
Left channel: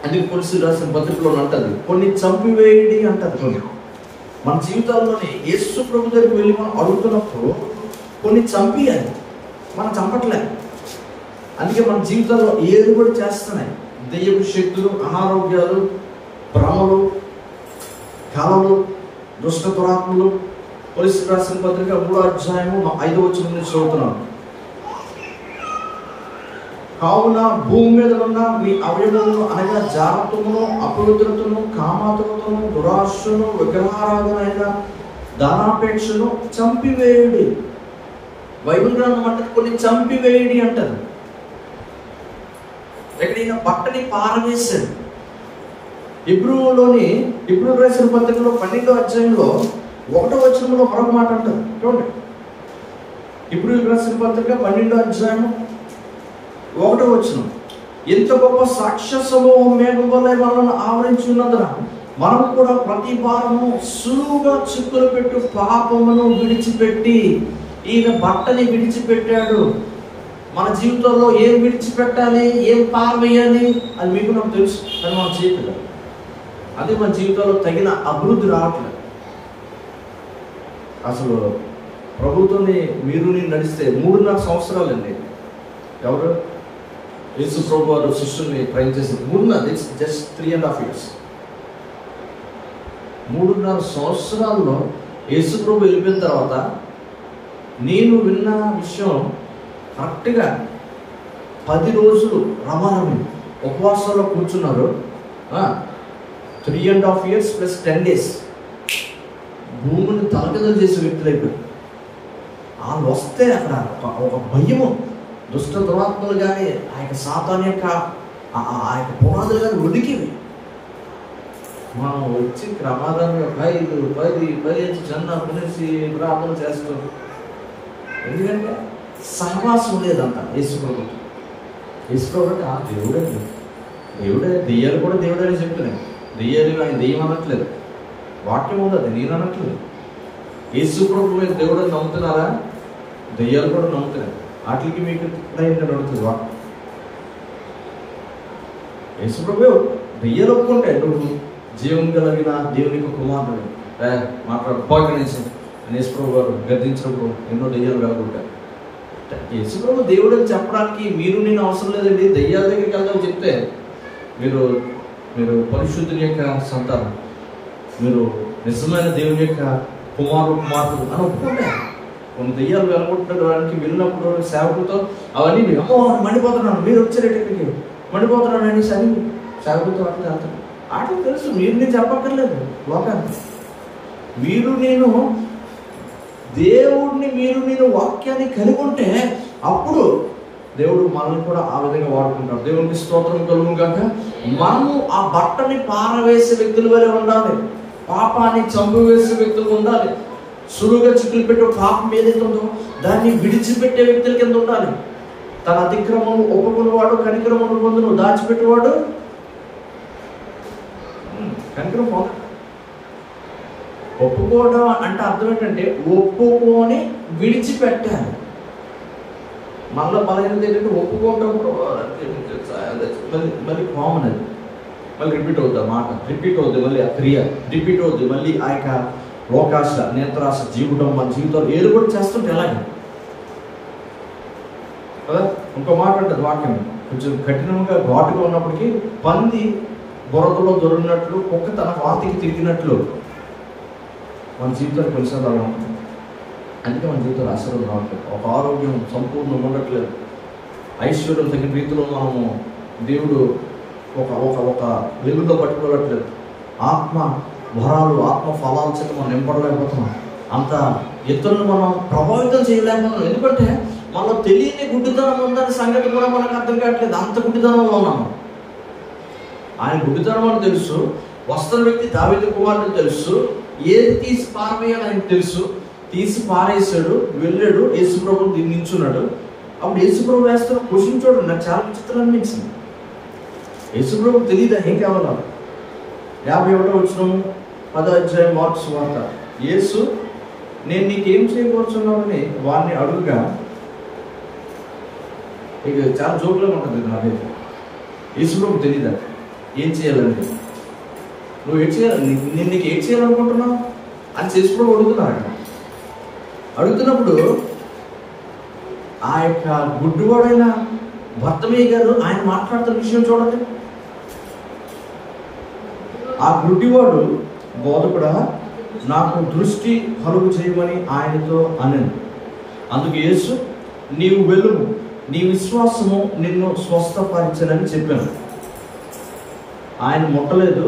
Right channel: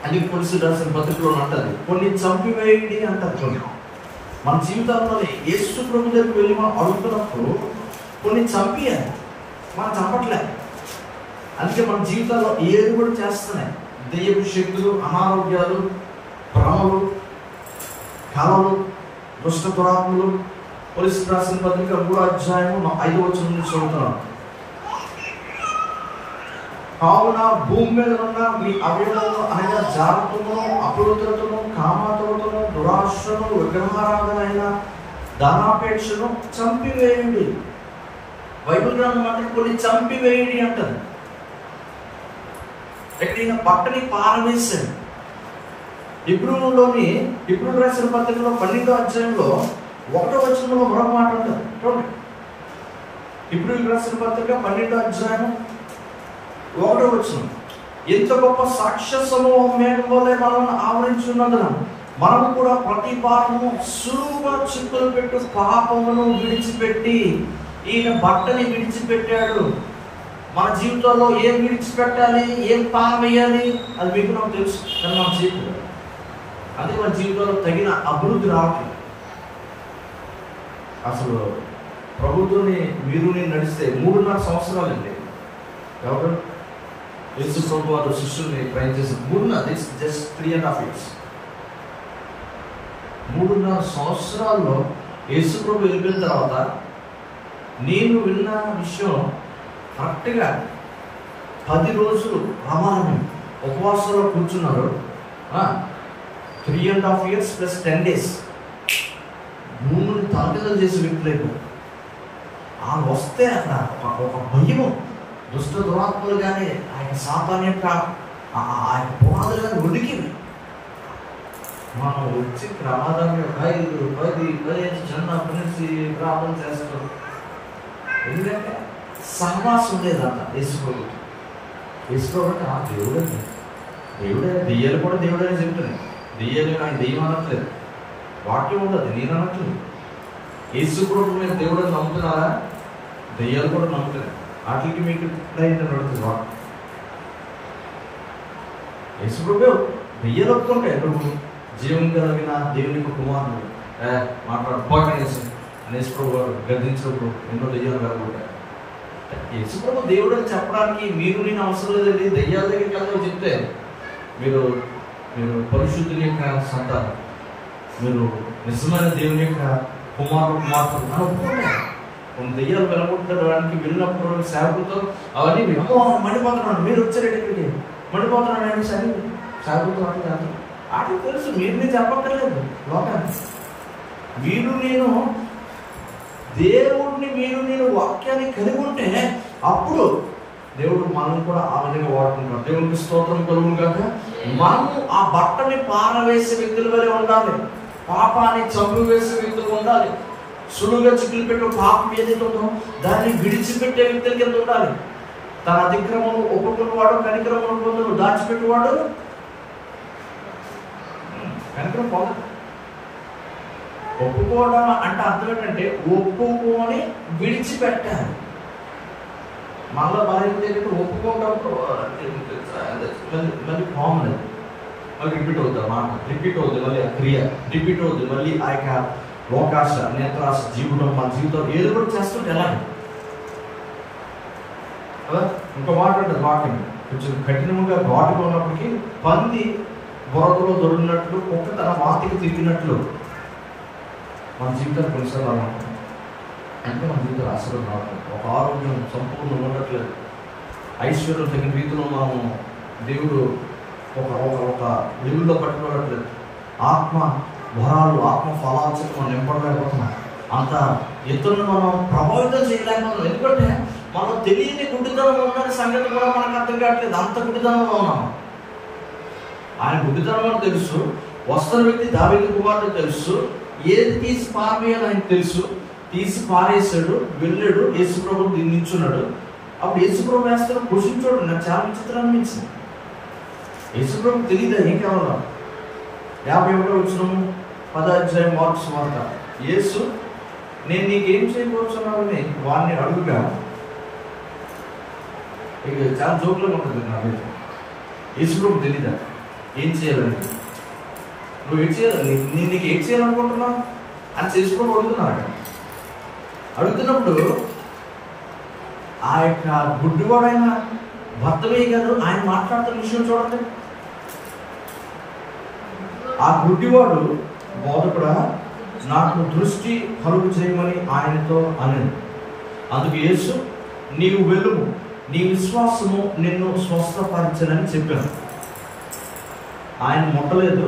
అందుకే కొలిసి రాసిన పత్రికలో అంటది కొన్ని చంపివేయడి అంటారు. కొన్ని మన జీవితాల్లోనే యేసు ప్రభు దగ్గరికి వెళ్ళి మనం అడుగుతున్నప్పుడు కొన్ని చంపియాలి, మనం చంపట్లేదు. అందుకే మన జీవితాల్లో ఏది కూడా చేస్తున్నాయి, దెయ్యపు శక్తులు, అనారోగ్యాలు, భ్రమలు, కళలు, దుష్ట దురాత్మలు. కొలిసి రాసిన పత్రిక 3వ అధ్యాయము 5వ వచనం నుంచి చదువుతున్నాం. కావున భూమి మీద ఉన్న మీ అవయవములను అనగా జాగ్రత్తను, అపవిత్రతను, కామాతురతను, దురాశను, విగ్రహారాధనైన ధనాపేక్షను చంపివేయడి. బైబిల్ గ్రంథం అంటే కొన్ని చంపివేయడి అంటది. ఎక్కడైనా బట్టని పారవేశాడు. ఇప్పుడు రాసిన పత్రికలో 12వ అధ్యాయంలో 1వ వచనంలో మరొక మాట అంటది చూడండి. ఇప్పుడు రాసిన పత్రిక 12వ అధ్యాయం 1వ వచనం, ఎంత గొప్ప సాక్ష్య సమూహం మేఘం వలె మనల్ని ఆవరించి ఉన్నందున మనము కూడా ప్రతి భారము సులువుగా చిక్కులు పెట్టు పాపమును విడిచిపెట్టి. ఈయన బట్టని విడిచిపెట్టాడు. మన జీవితంలో ఏం విడిచిపెట్టాలి, ఏం పారవేయాలి అది మీకు నాకు తెలుసు, కానీ మనం చేయట్లేదు. అది మన జీవితంలో తగిన అభివృద్ధి రావట్లేదు. అసలు ప్రభుత్వాన్ని మీరు నడిస్తే 3.5 సంవత్సరాలండి. ఎవరు యేసు ప్రభు వారు శిష్యుల్ని ట్రైన్ చేసింది 3.5, జస్ట్ 3.5 years. 3.5 సంవత్సరాల్లో యేసు ప్రభు వెళ్ళిపోయిన తర్వాత నేను విన్న విషయం కరెక్ట్గా 10 రోజులు రమారమి ఉపవాసంలో కూర్చున్నారు. 3.5 years ప్లస్ 10 days భూమిని తలకిదలు చేసే వ్యక్తులైపు ఆ వస్తే అక్కడ ఒక భయము, దుష్ట దురాత్మలు కానీ ఆ యొక్క సాతాన్ యొక్క ఆ యొక్క పునాదులు కానీ ఉడికివి. మనం వచ్చి ప్రమాదాన్ని 5, 10, 15 జన్న పిలిచి ప్రార్థన చేస్తూ, ఎందుకంటే సహవాసం లేదంట యేసుప్రభు. యేసుప్రభు అంటే ఆ దేవుడే దెయ్యాలు కూడా దేవుడని చెప్తున్నాయి. దెయ్యాలు ఆయన దెయ్యం అనట్లేదు, వాక్యం ఉండదు, నేను అనట్లేదు. యేసుప్రభు మీద దేవుడని నమ్ముతున్నారా? దెయ్యాలు కూడా నమ్ముతున్నాయి. వాటికి మీకు నడుతుంది వాక్యం. యేసుప్రభు దెయ్యాలు ఒప్పుకుంటే నువ్వు జీవం కలిగిన దేవునికి కుమారుడు మాట్లాడు పోకనేసి అని యేసుప్రభు గారు గద్దించినప్పుడు ఎన్నో దెయ్యాలు రాకుంటాయి. యేసుప్రభు దేవుడు అని చెప్పడానికి మీరు నేను అవసరం లేదండి. దెయ్యాల దగ్గరికి వెళ్దామని చెప్తే మీరు మీరు పరిశుద్ధుని యొక్క సంతానం, మీరు నిజమైన దేవుని యొక్క కుమారుడు అని ఒప్పుకుంటాయి. కొన్ని దెయ్యాలు వెళ్ళగొట్టడానికి వెళ్ళినప్పుడు సేవకులతో అవన్నీ మండిపోతున్నాను, మీరు వచ్చారేట ఇక్కడికి మండిపోతున్నాను అనేసి అని సేవకులతో అట్లా ఆటలు తెలుసు. మీరు నేను చెప్పక్కర్లేదు. లోకాన్ని మీరు నేను దేవుడిని మీరు నేను వాక్యాన్ని కలిగి ఉంటే అప్పుడు దేవుడు మనల్ని కూడా ఆ విధంగా వాడుకుంటాడు. దేవునికి స్తోత్రం కలుగును గాక. మనము ఆ బట్టని పారవేసే వ్యక్తుల వలె ఉండాలి. పాపాన్ని చంపివేసే వ్యక్తులు ఉండాలి. సులువుగా చిక్కులు పెట్టే పాపం ఏదైతే ఉందో దాన్ని విడిచిపెట్టే వ్యక్తుల కింద ఉండాలి. తన అతిక్రమము ఒప్పుకున్నవాడు కనిక్రమను పొందును, దాచిపెట్టేవాడు కనిక్రమం పొందడు. ఒప్పుకోవడం అంటే అర్థం ఏంటంటే ఒప్పుకొని విడిచిపెట్టాలి. మనలో బలహీనత ఏంటంటే ఒప్పుకుంటాం మళ్ళీ కామన్, అది మళ్ళీ రిపీట్ అవుతుంది. ఆ మాట రిపీట్ అవుతుంది, మళ్ళీ ఆ క్రియ రిపీట్ అవుతుంది, మళ్ళీ ఆ యొక్క లోకాశ నేత్రాశ జీవితం మన జీవితంలో ఏదో కూడా చేస్తుంటే ఎలాగే కదా. ఇంకో మాట అంటారు వాక్యం కొంచెం కఠినంగా ఘాటుగా ఉన్నప్పటికీ, పంది బురదలో దొరికినట్లు కుక్క తన వాతికి తిరిగినట్లు మన జీవితాలు కొన్నిసార్లు అలా ఉంటుంది. అంటే మన జీవితంలో ఆశీర్వాదం రావట్లేదు, ఒక ఆరోగ్యం సంపూర్ణంగా ఉండట్లేదు, ఐశ్వర్యం తగిన రీతిలో మనము దేవుడు ఒక ఒక ఒక లెవెల్లో పట్టుకోవట్లేదు, ఆత్మ వరాలు ఆత్మ ఫలాల చేత మనం నింపడలేకపోతున్నాం, అంత ఇతరులను మనం ప్రభావితం చేయలేకపోతున్నాం. ఎందుకంటే మనలో తెలియని గుడ్డితనం ఉందని సంగతి కూడా మనకు అర్థం కావట్లేదు. అంత గుడ్డితనంలో ఉన్నాం. ఆయన గుడ్డితనం అని తెలుసు, వస్తున్న వ్యక్తి దావీదు కుమారుడు తెలుసు, ఏది తీసి పారవేయాలి ఆయనకు తెలుసు. తీసి పారేసాడు, వెళ్ళాడు, యేసుప్రభు నిల్చున్నాడు. అప్పుడు యేసుప్రభు వేస్తాడు క్వశ్చన్ చూడండి, నాకు చాలా విచిత్రం అనిపించింది. యేసుప్రభుకు తెలియదా ఏం కావాలో? 51వ వచనము 10వ అధ్యాయం మార్కు సువార్త. యేసు నేను నీకేం చేయకూర్చున్నానని వాడిని అడుగుగా, ఇక చాలా జోకులో ఉంటుంది నాకు. యేసుప్రభుకు తెలియదా ఏం చేయాలండి, నువ్వు ఏం చేయాలి, నేను నీకు ఏం చేయాలనుకుంటున్నావు అని యేసుప్రభు అడుగుతున్నారు. అక్కడ అడుగుతున్నప్పుడు ఆ యొక్క గుడ్డివాడైన భర్తమయ్య గారు ఆయన మాట్లాడుతున్న విషయం చూడండి. ఆ గుడ్డివాడు బోధకుడా నాకు దృష్టి కలుగు చేయమని ఆయనతో అనను. అందుకు యేసు నీవు వెలుగు, నీ విశ్వాసము నిన్ను స్వస్థపరిచనని చెప్పాను. ఆయన ముట్టలేదు.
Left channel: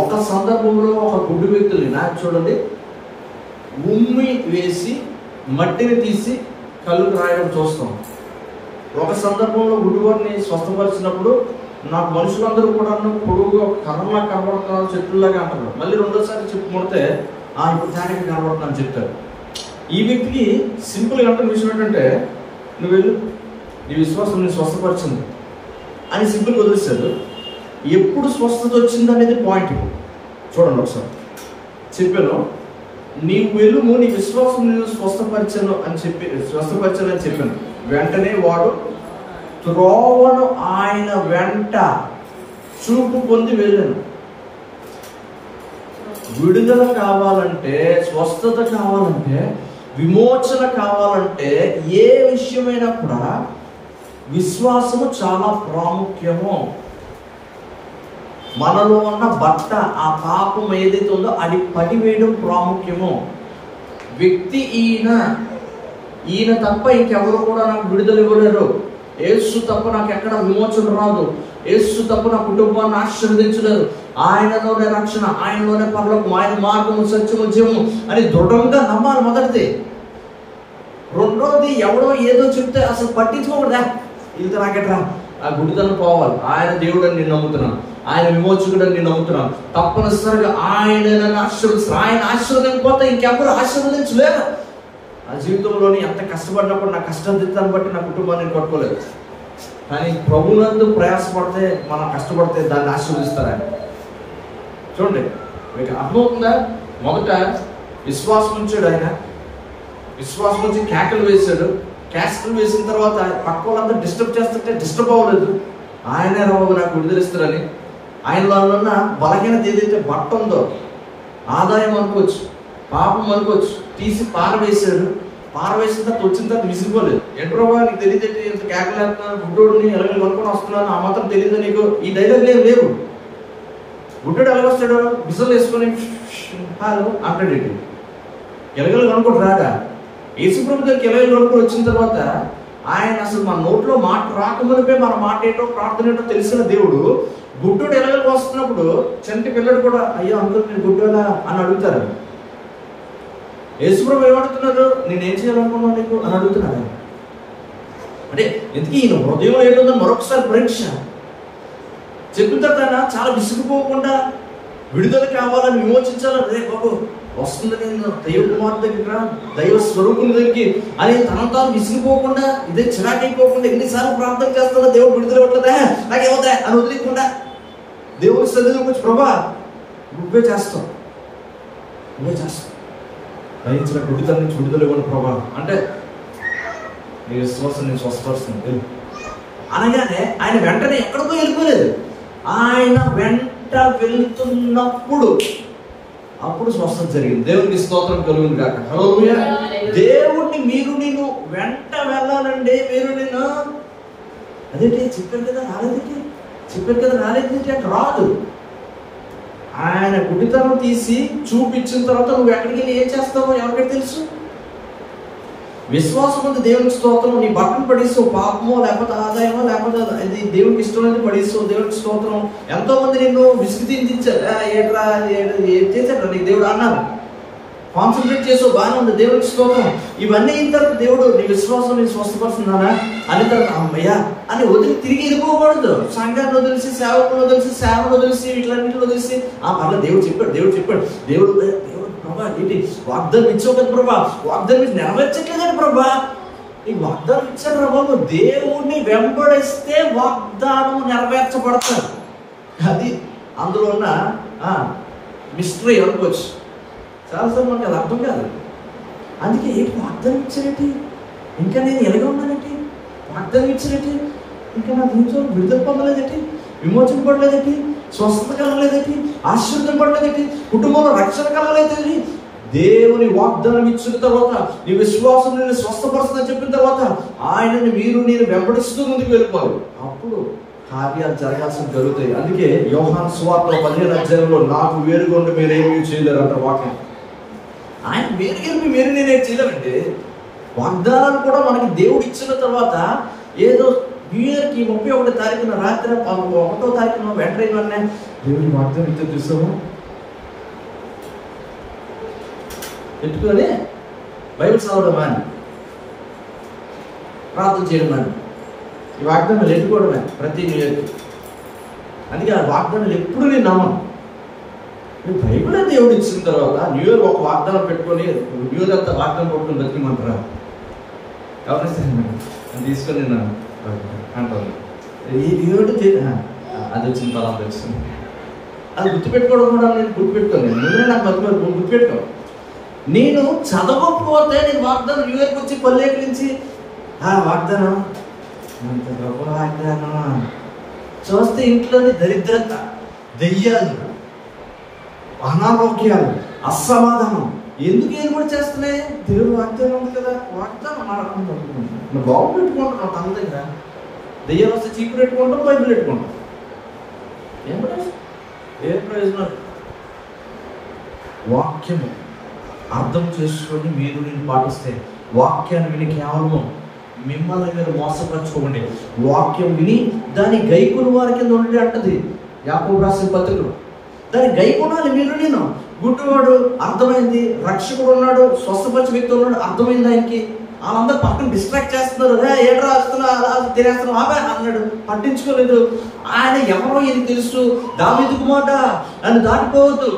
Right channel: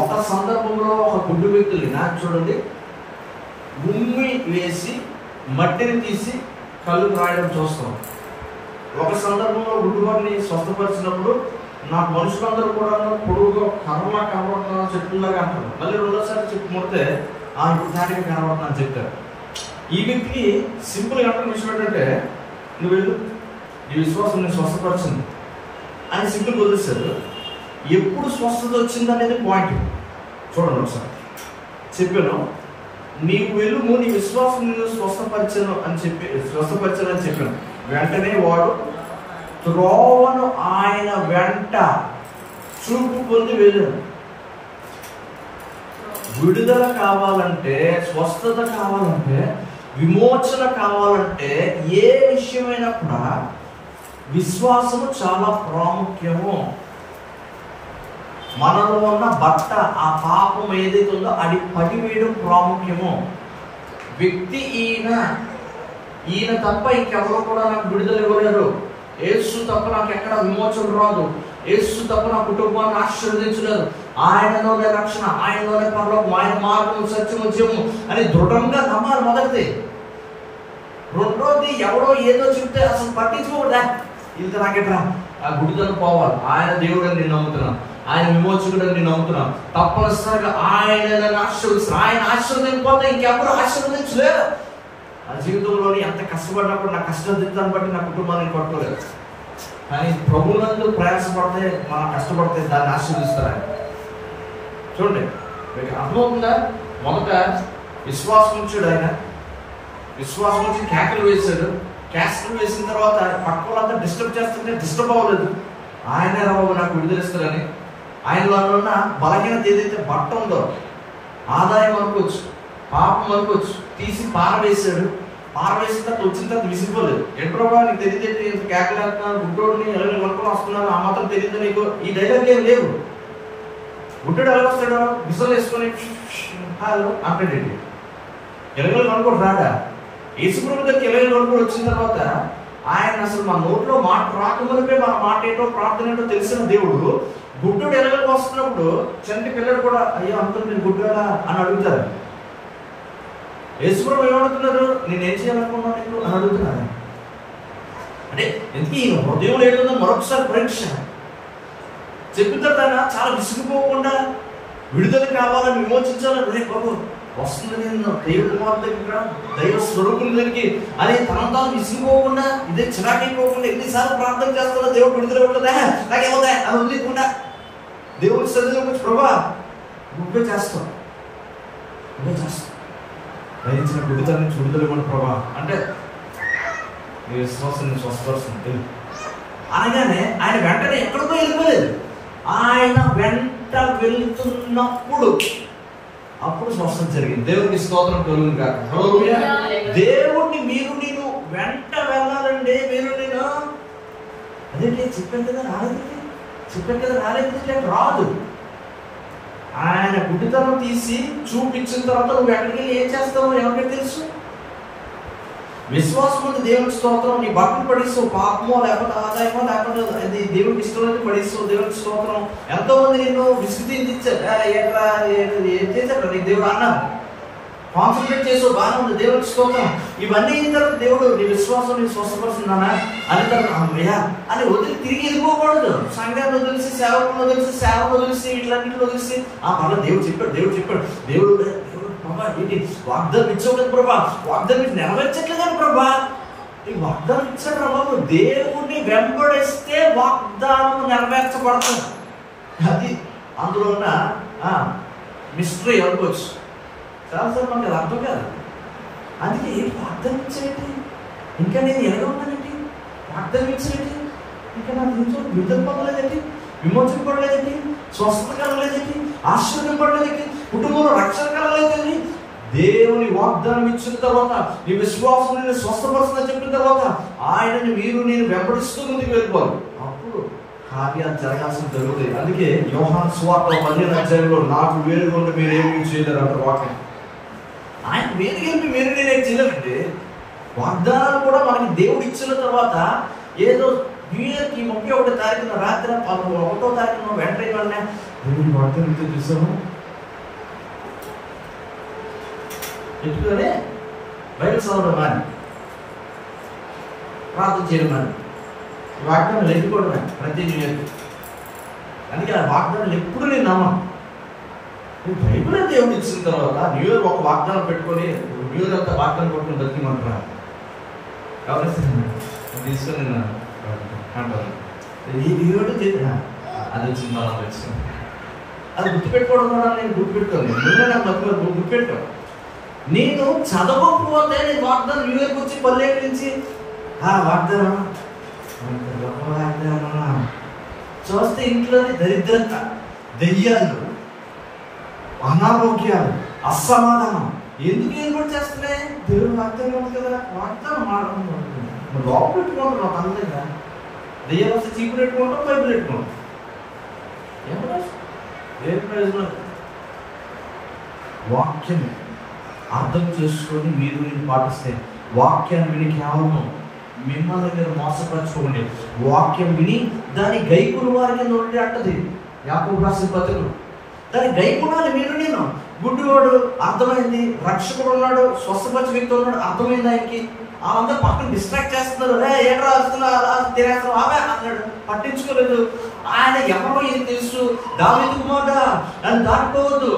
ఒక సందర్భంలో ఒక గుడ్డి వ్యక్తుల్ని నాకు చూడండి ఉమ్మి వేసి మట్టిని తీసి కళ్ళు రాయడం చూస్తాం. ఒక సందర్భంలో గుడ్డివాడిని స్వస్థపరిచినప్పుడు నాకు మనుషులందరూ కూడా పొడుగుగా కర్రలా కనబడుతున్నారు, చెట్టులాగా అంటారు. మళ్ళీ రెండోసారి చెప్పు ముడితే ఇప్పుడు తేటగా కనబడుతున్నా అని చెప్తారు. ఈ వ్యక్తికి సింపుల్గా అంటున్న విషయం ఏంటంటే నువ్వు వెళ్ళు, నీ విశ్వాసం నేను స్వస్థపరిచింది అని సింపుల్గా వదిలేశాడు. ఎప్పుడు స్వస్థత వచ్చింది అనేది పాయింట్ చూడండి ఒకసారి. చెప్పాను నీవు వెలుము, నీ విశ్వాసం నేను స్వస్థపరిచాను అని చెప్పాను. వెంటనే వాడు త్రోవను ఆయన వెంట చూపు పొంది వెళ్ళాను. విడుదల కావాలంటే, స్వస్థత కావాలంటే, విమోచన కావాలంటే ఏ విషయమైనా కూడా విశ్వాసము చాలా ప్రాముఖ్యము. మనలో ఉన్న బట్ట, ఆ పాపం ఏదైతే ఉందో అది పడివేయడం ప్రాముఖ్యము. వ్యక్తి ఈయన తప్ప ఇంకెవరు కూడా నాకు విడుదల ఇవ్వలేరు. యేసు తప్ప నాకు ఎక్కడ విమోచన రాదు. యేసు తప్ప నా కుటుంబాన్ని ఆశీర్వదించలేరు. ఆయనలోనే రక్షణ, ఆయనలోనే పరలోకం, ఆయన మార్గము సత్యము జీవము అని దృఢంగా నమ్మాలి మొదటిది. రెండోది ఎవడో ఏదో చెప్తే అసలు పట్టించుకోకూడదా, వీళ్ళతో నాకెట్రా, ఆ గుడితనం పోవాలి. ఆయన దేవుడు అని నేను నమ్ముతున్నాను, ఆయన విమోచకుడు అని నేను నమ్ముతున్నాను. తప్పనిసరిగా ఆయన నన్ను ఆశీర్వదిస్తారు. ఆయన ఆశీర్వదించకపోతే ఇంకెవరు ఆశీర్వదించలేరు. ఆ జీవితంలోని ఎంత కష్టపడినప్పుడు నా కష్టాన్ని బట్టి నా కుటుంబాన్ని నేను కొట్టుకోలేదు. కానీ ప్రభునందు ప్రయాసపడితే, మనం కష్టపడితే దాన్ని ఆశీర్వదిస్తారు ఆయన. చూడండి మీకు అర్థమవుతుందా? మొదట విశ్వాసం ఉంచాడు ఆయన, విశ్వాసం ఉంచి కేకలు వేసాడు. కేకలు వేసిన తర్వాత పక్క వాళ్ళంతా డిస్టర్బ్ చేస్తుంటే డిస్టర్బ్ అవ్వలేదు. ఆయనే బాబు నాకు విడుదలిస్తారని. ఆయనలో ఉన్న బలహీనత ఏదైతే బట్ట ఉందో, ఆదాయం అనుకోవచ్చు, పాపం అనుకోవచ్చు, తీసి పారవేశాడు. పారవేసిన తర్వాత వచ్చిన తర్వాత విసిగిపోలేదు. ఏంటి ప్రభావ నీకు తెలియదేంటి, ఇంత కేకలేస్తున్నాను, గుడ్డోడిని ఎలాగ కొనుక్కొని వస్తున్నాను, ఆ మాత్రం తెలియదు నీకు, ఈ డైలాగ్లు ఏం లేవు. గుడ్డోడు ఎలాగొస్తాడు, విసలు వేసుకొని హాలో అంటాడేంటి, ఎలగలు కొనుక్కొని రాడా? యేసుప్రభు దగ్గరికి ఎలగలు కొనుక్కొని వచ్చిన తర్వాత ఆయన అసలు మన నోట్లో మాట రాకమునిపే మన మాట ఏంటో ప్రార్థన ఏంటో తెలిసిన దేవుడు గుడ్డోడు ఎలగలకు వస్తున్నప్పుడు చంటి పిల్లడు కూడా అయ్యో అంకుల్ మీరు గుడ్డోడా అని అడుగుతారు. యేసుప్రభు ఏమడుగుతున్నారు, నేనేం చేయాలనుకున్నావు నీకు అని అడుగుతున్నాను. అంటే ఎందుకు ఈయన హృదయంలో ఏంటో మరొకసారి పరీక్ష చెప్పిన తర్వాత చాలా విసుగుపోకుండా విడుదల కావాలని విమోచించాలని, రే బాబు వస్తుంది నేను దైవ కుమార్ దగ్గర దైవ స్వరూపుల దగ్గరికి అని తనను తాను విసిగిపోకుండా, ఇదే చిరాకైపోకుండా, ఎన్నిసార్లు ప్రార్థన చేస్తున్నా దేవుడు విడుదల ఇవ్వట్లేదా, నాకేమవుతాయి అని వదిలేకుండా దేవుడి సన్నిధిలోకి వచ్చి ప్రభా నువ్వే చేస్తావు, నువ్వే చేస్తావు, దయించిన విడుదల నుంచి విడుదల ఇవ్వండి ప్రభా అంటే నీ విశ్వాసం నేను స్వస్థపరుస్తుంది అనగానే ఆయన వెంటనే ఎక్కడికో వెళ్ళిపోలేదు. ఆయన వెంట వెళ్తున్నప్పుడు అప్పుడు స్వస్థత జరిగింది. దేవునికి స్తోత్రం కలుగును గాక. హల్లెలూయా. దేవుడిని మీరు నేను వెంట వెళ్ళాలండి. మీరు నేను అదేంటి చెప్పాను కదా రాలేదండి, చెప్పాను కదా రాలేదండి అంటే రాదు. ఆయన గుడ్డితనం తీసి చూపించిన తర్వాత నువ్వు ఎక్కడికి వెళ్ళి ఏం చేస్తావో ఎవరికైనా తెలుసు. విశ్వాసం ఉంది దేవునికి స్తోత్రం. నీ బట్టలు పడిస్తావు, పాపమో లేకపోతే ఆదాయమో లేకపోతే అది దేవునికి ఇష్టం అనేది పడిస్తావు, దేవునికి స్తోత్రం. ఎంతో మంది నిన్ను విసుగు తీర్చారు, ఏట్రా ఏం చేశాడు నీకు దేవుడు అన్నారు, కాన్సన్ట్రేట్ చేసావు, బాగానే ఉంది, దేవునికి స్తోత్రం. ఇవన్నీ అయిన తర్వాత దేవుడు నీ విశ్వాసం నేను స్వస్థపరుస్తున్నానా అనే తర్వాత అమ్మయ్యా అని వదిలి తిరిగి వెళ్ళిపోకూడదు. సంఘాన్ని వదిలిసి, సేవకులను వదిలిసి, సేవను వదిలిసి, వీటిలన్నింటిని వదిలిసి పర్లేదు దేవుడు చెప్పాడు, దేవుడు చెప్పాడు, దేవుడు ప్రభా ఏంటి వాగ్దానం ఇచ్చావు కదా ప్రభా, వాగ్దానం నెరవేర్చట్లేదని ప్రభా, ఈ వాగ్దానం ఇచ్చారు ప్రభా. దేవుడిని వెంబడిస్తే వాగ్దానం నెరవేర్చబడతారు. అది అందులో ఉన్న మిస్టరీ అనుకోవచ్చు. చాలాసార్లు మనకి అది అర్థం కాదు. అందుకే ఏంటి వాగ్దానం ఇచ్చారేంటి, ఇంకా నేను ఎలాగ ఉన్నానంటే వాగ్దానం ఇచ్చారేంటి, ఇంకా నాకు ఇంట్లో విడుదల పొందలేదేంటి, విమోచన పడలేదేంటి, స్వస్థత కలగలేదేంటి, ఆశీర్వాదం పడలేదేంటి, కుటుంబంలో రక్షణ కలగలేదేంటి. దేవుని వాగ్దానం ఇచ్చిన తర్వాత నీ విశ్వాసం నేను స్వస్థపరుస్తుందని చెప్పిన తర్వాత ఆయనని మీరు నేను వెంబడిస్తూ ముందుకు వెళ్ళిపోవాలి. అప్పుడు కార్యాలు జరగాల్సిన జరుగుతాయి. అందుకే యోహాను సువార్త 15వ అధ్యాయంలో నాకు వేరుగా ఉండి మీరు ఏమీ చేయలేరు అంటారు వాక్యం. ఆయన వేరు గెలిపి మీరు నేనేం చేయలేమంటే వాగ్దానాలు కూడా మనకి దేవుడు ఇచ్చిన తర్వాత ఏదో న్యూ ఇయర్కి 31వ తారీఖున రాత్రి 1వ తారీఖున వెంటనే దేవుడి వాగ్దానం ఇచ్చే చూసాము పెట్టుకొని బైబిల్ చదవడం అని, ప్రార్థన చేయడం అని, ఈ వాగ్దానాలు ఎట్టుకోవడమే ప్రతి న్యూ ఇయర్కి. అందుకే ఆ వాగ్దానాలు ఎప్పుడు నేను నమ్మను. బైబిల్ దేవుడు ఇచ్చిన తర్వాత న్యూ ఇయర్ ఒక వాగ్దానం పెట్టుకొని న్యూ ఇయర్ అంతా వాగ్దానం కొట్టుకుని బతికిమంటారు. ఎవరైనా తీసుకొని నేను అంటారు ఈ దేవుడు అది వచ్చింది బలం వచ్చింది, అది గుర్తుపెట్టుకోవడం కూడా నేను గుర్తుపెట్టుకోను. నువ్వే నాకు బతుకు గుర్తుపెట్టుకో. నేను చదవకపోతే నేను వాగ్దానం న్యూ ఇయర్కి వచ్చి పల్లెకరించి వాగ్దానం వాగ్దానం చూస్తే ఇంట్లోని దరిద్రత, దెయ్యాలు, అనారోగ్యాలు, అసమాధానం ఎందుకు ఏర్పాటు చేస్తున్నాయి? దేవుడు వాగ్దానం ఉంది కదా, వాగ్దానం నువ్వు బాగు పెట్టుకుంటున్నావు తన దగ్గర. దెయ్యాలు వస్తే చీపురు పెట్టుకుంటాం, బైబిల్ పెట్టుకుంటాం. ఏ ప్రయోజనం? వాక్యము అర్థం చేసుకొని మీరు నేను పాటిస్తే, వాక్యాన్ని విని కేవలం మిమ్మల్ని మీరు మోసపరచుకోండి. వాక్యం విని దాని గైకుని వారి కింద ఉండే అంటది యాకోబు రాసిన పత్రికలో. దాని గైకునాలి మీరు నేను. గుడ్డివాడు అర్థమైంది, రక్షకుడు ఉన్నాడు, స్వస్థపరిచే వ్యక్తి ఉన్నాడు, అర్థమైంది ఆయనకి. వాళ్ళందరూ పక్కన డిస్ట్రాక్ట్ చేస్తున్నారు, ఏడ్రా వస్తున్నా తినేస్తున్నావు ఆమె అన్నాడు, పట్టించుకోలేదు. ఆయన ఎవరో ఈయనకి తెలుసు, దావీదు కుమారుడా నన్ను దాటిపోవద్దు,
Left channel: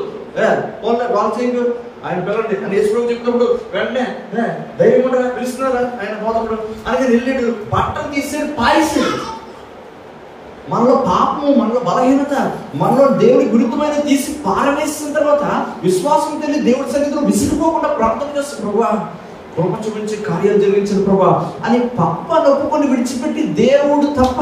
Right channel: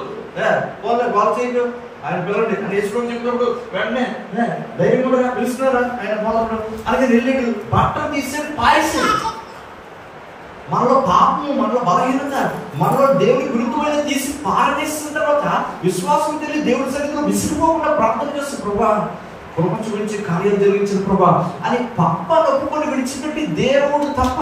వాళ్ళు చేయకు ఆయన పిల్లలు అని యేసుప్రభు చెప్పినప్పుడు వెంటనే ధైర్యం కూడా పిలుస్తున్నారా ఆయన పోతప్పుడు అనగా వెళ్ళాడు. బట్టలు తీసి పాయిసి మనలో పాపము, మనలో బలహీనత, మనలో దేవుడి గురుత్వమైన తీసి పారవేసిన తర్వాత విశ్వాసం తెలియదు దేవుడి సన్నిధిలో విసిగిపోకుండా ప్రార్థన చేస్తాం. ప్రభువా కృప చూపించి కార్యాలు జరిగించిన ప్రభా అని పాపాన్ని ఒప్పుకొని విడిచిపెట్టి దేవుడు తప్ప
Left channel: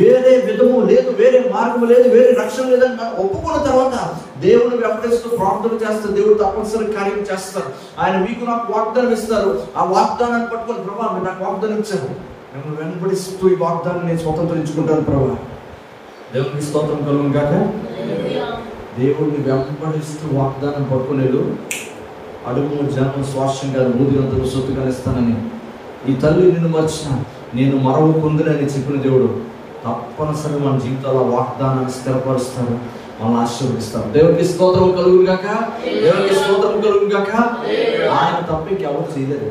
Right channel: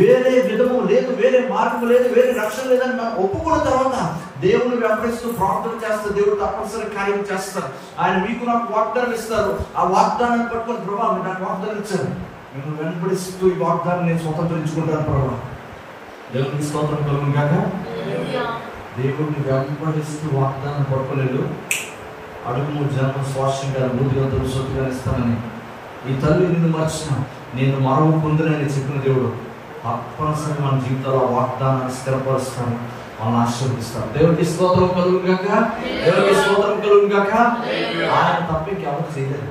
వేరే విధము లేదు, వేరే మార్గం లేదు, వేరే రక్షణ లేదని మనం ఒప్పుకున్న తర్వాత దేవుడు వెంబడిస్తూ ప్రార్థన చేస్తారు. దేవుడు తప్పనిసరి కార్యం చేస్తారు. ఆయన మీకు నాకు వాగ్దానం ఇస్తారు. ఆ వాగ్దానాన్ని పట్టుకొని ప్రభా మీరు నాకు వాగ్దానం ఇచ్చారు, మిమ్మల్ని వెంబడిస్తూ ఈ వాగ్దానం నేను స్వతంత్రించుకుంటాను ప్రభా. దేవునికి స్తోత్రం కలుగును గాక. దేవుడిని వెంబడిస్తూ వాగ్దానం పట్టుకోలేదు. అడుగు జన్మ స్వాస్థ్యంగా బుద్ధిరంతులు సొత్తుగానే ఇస్తానని ఈ తల్లి నిన్ను మర్చిన నేను మరవ పొందునని చెప్పిన దేవుడు తప్పనిసరిగా మన జీవితాల్లో వాగ్దానాన్ని స్థిరపరుస్తారు, వాళ్ళని ఆశీర్వదిస్తారు. దేవునికి స్తోత్రం కలుగును గాక. దేవునికి స్తోత్రం కలుగును గాక. ఆయన తప్ప ఇంకెవరు చేయలేరు.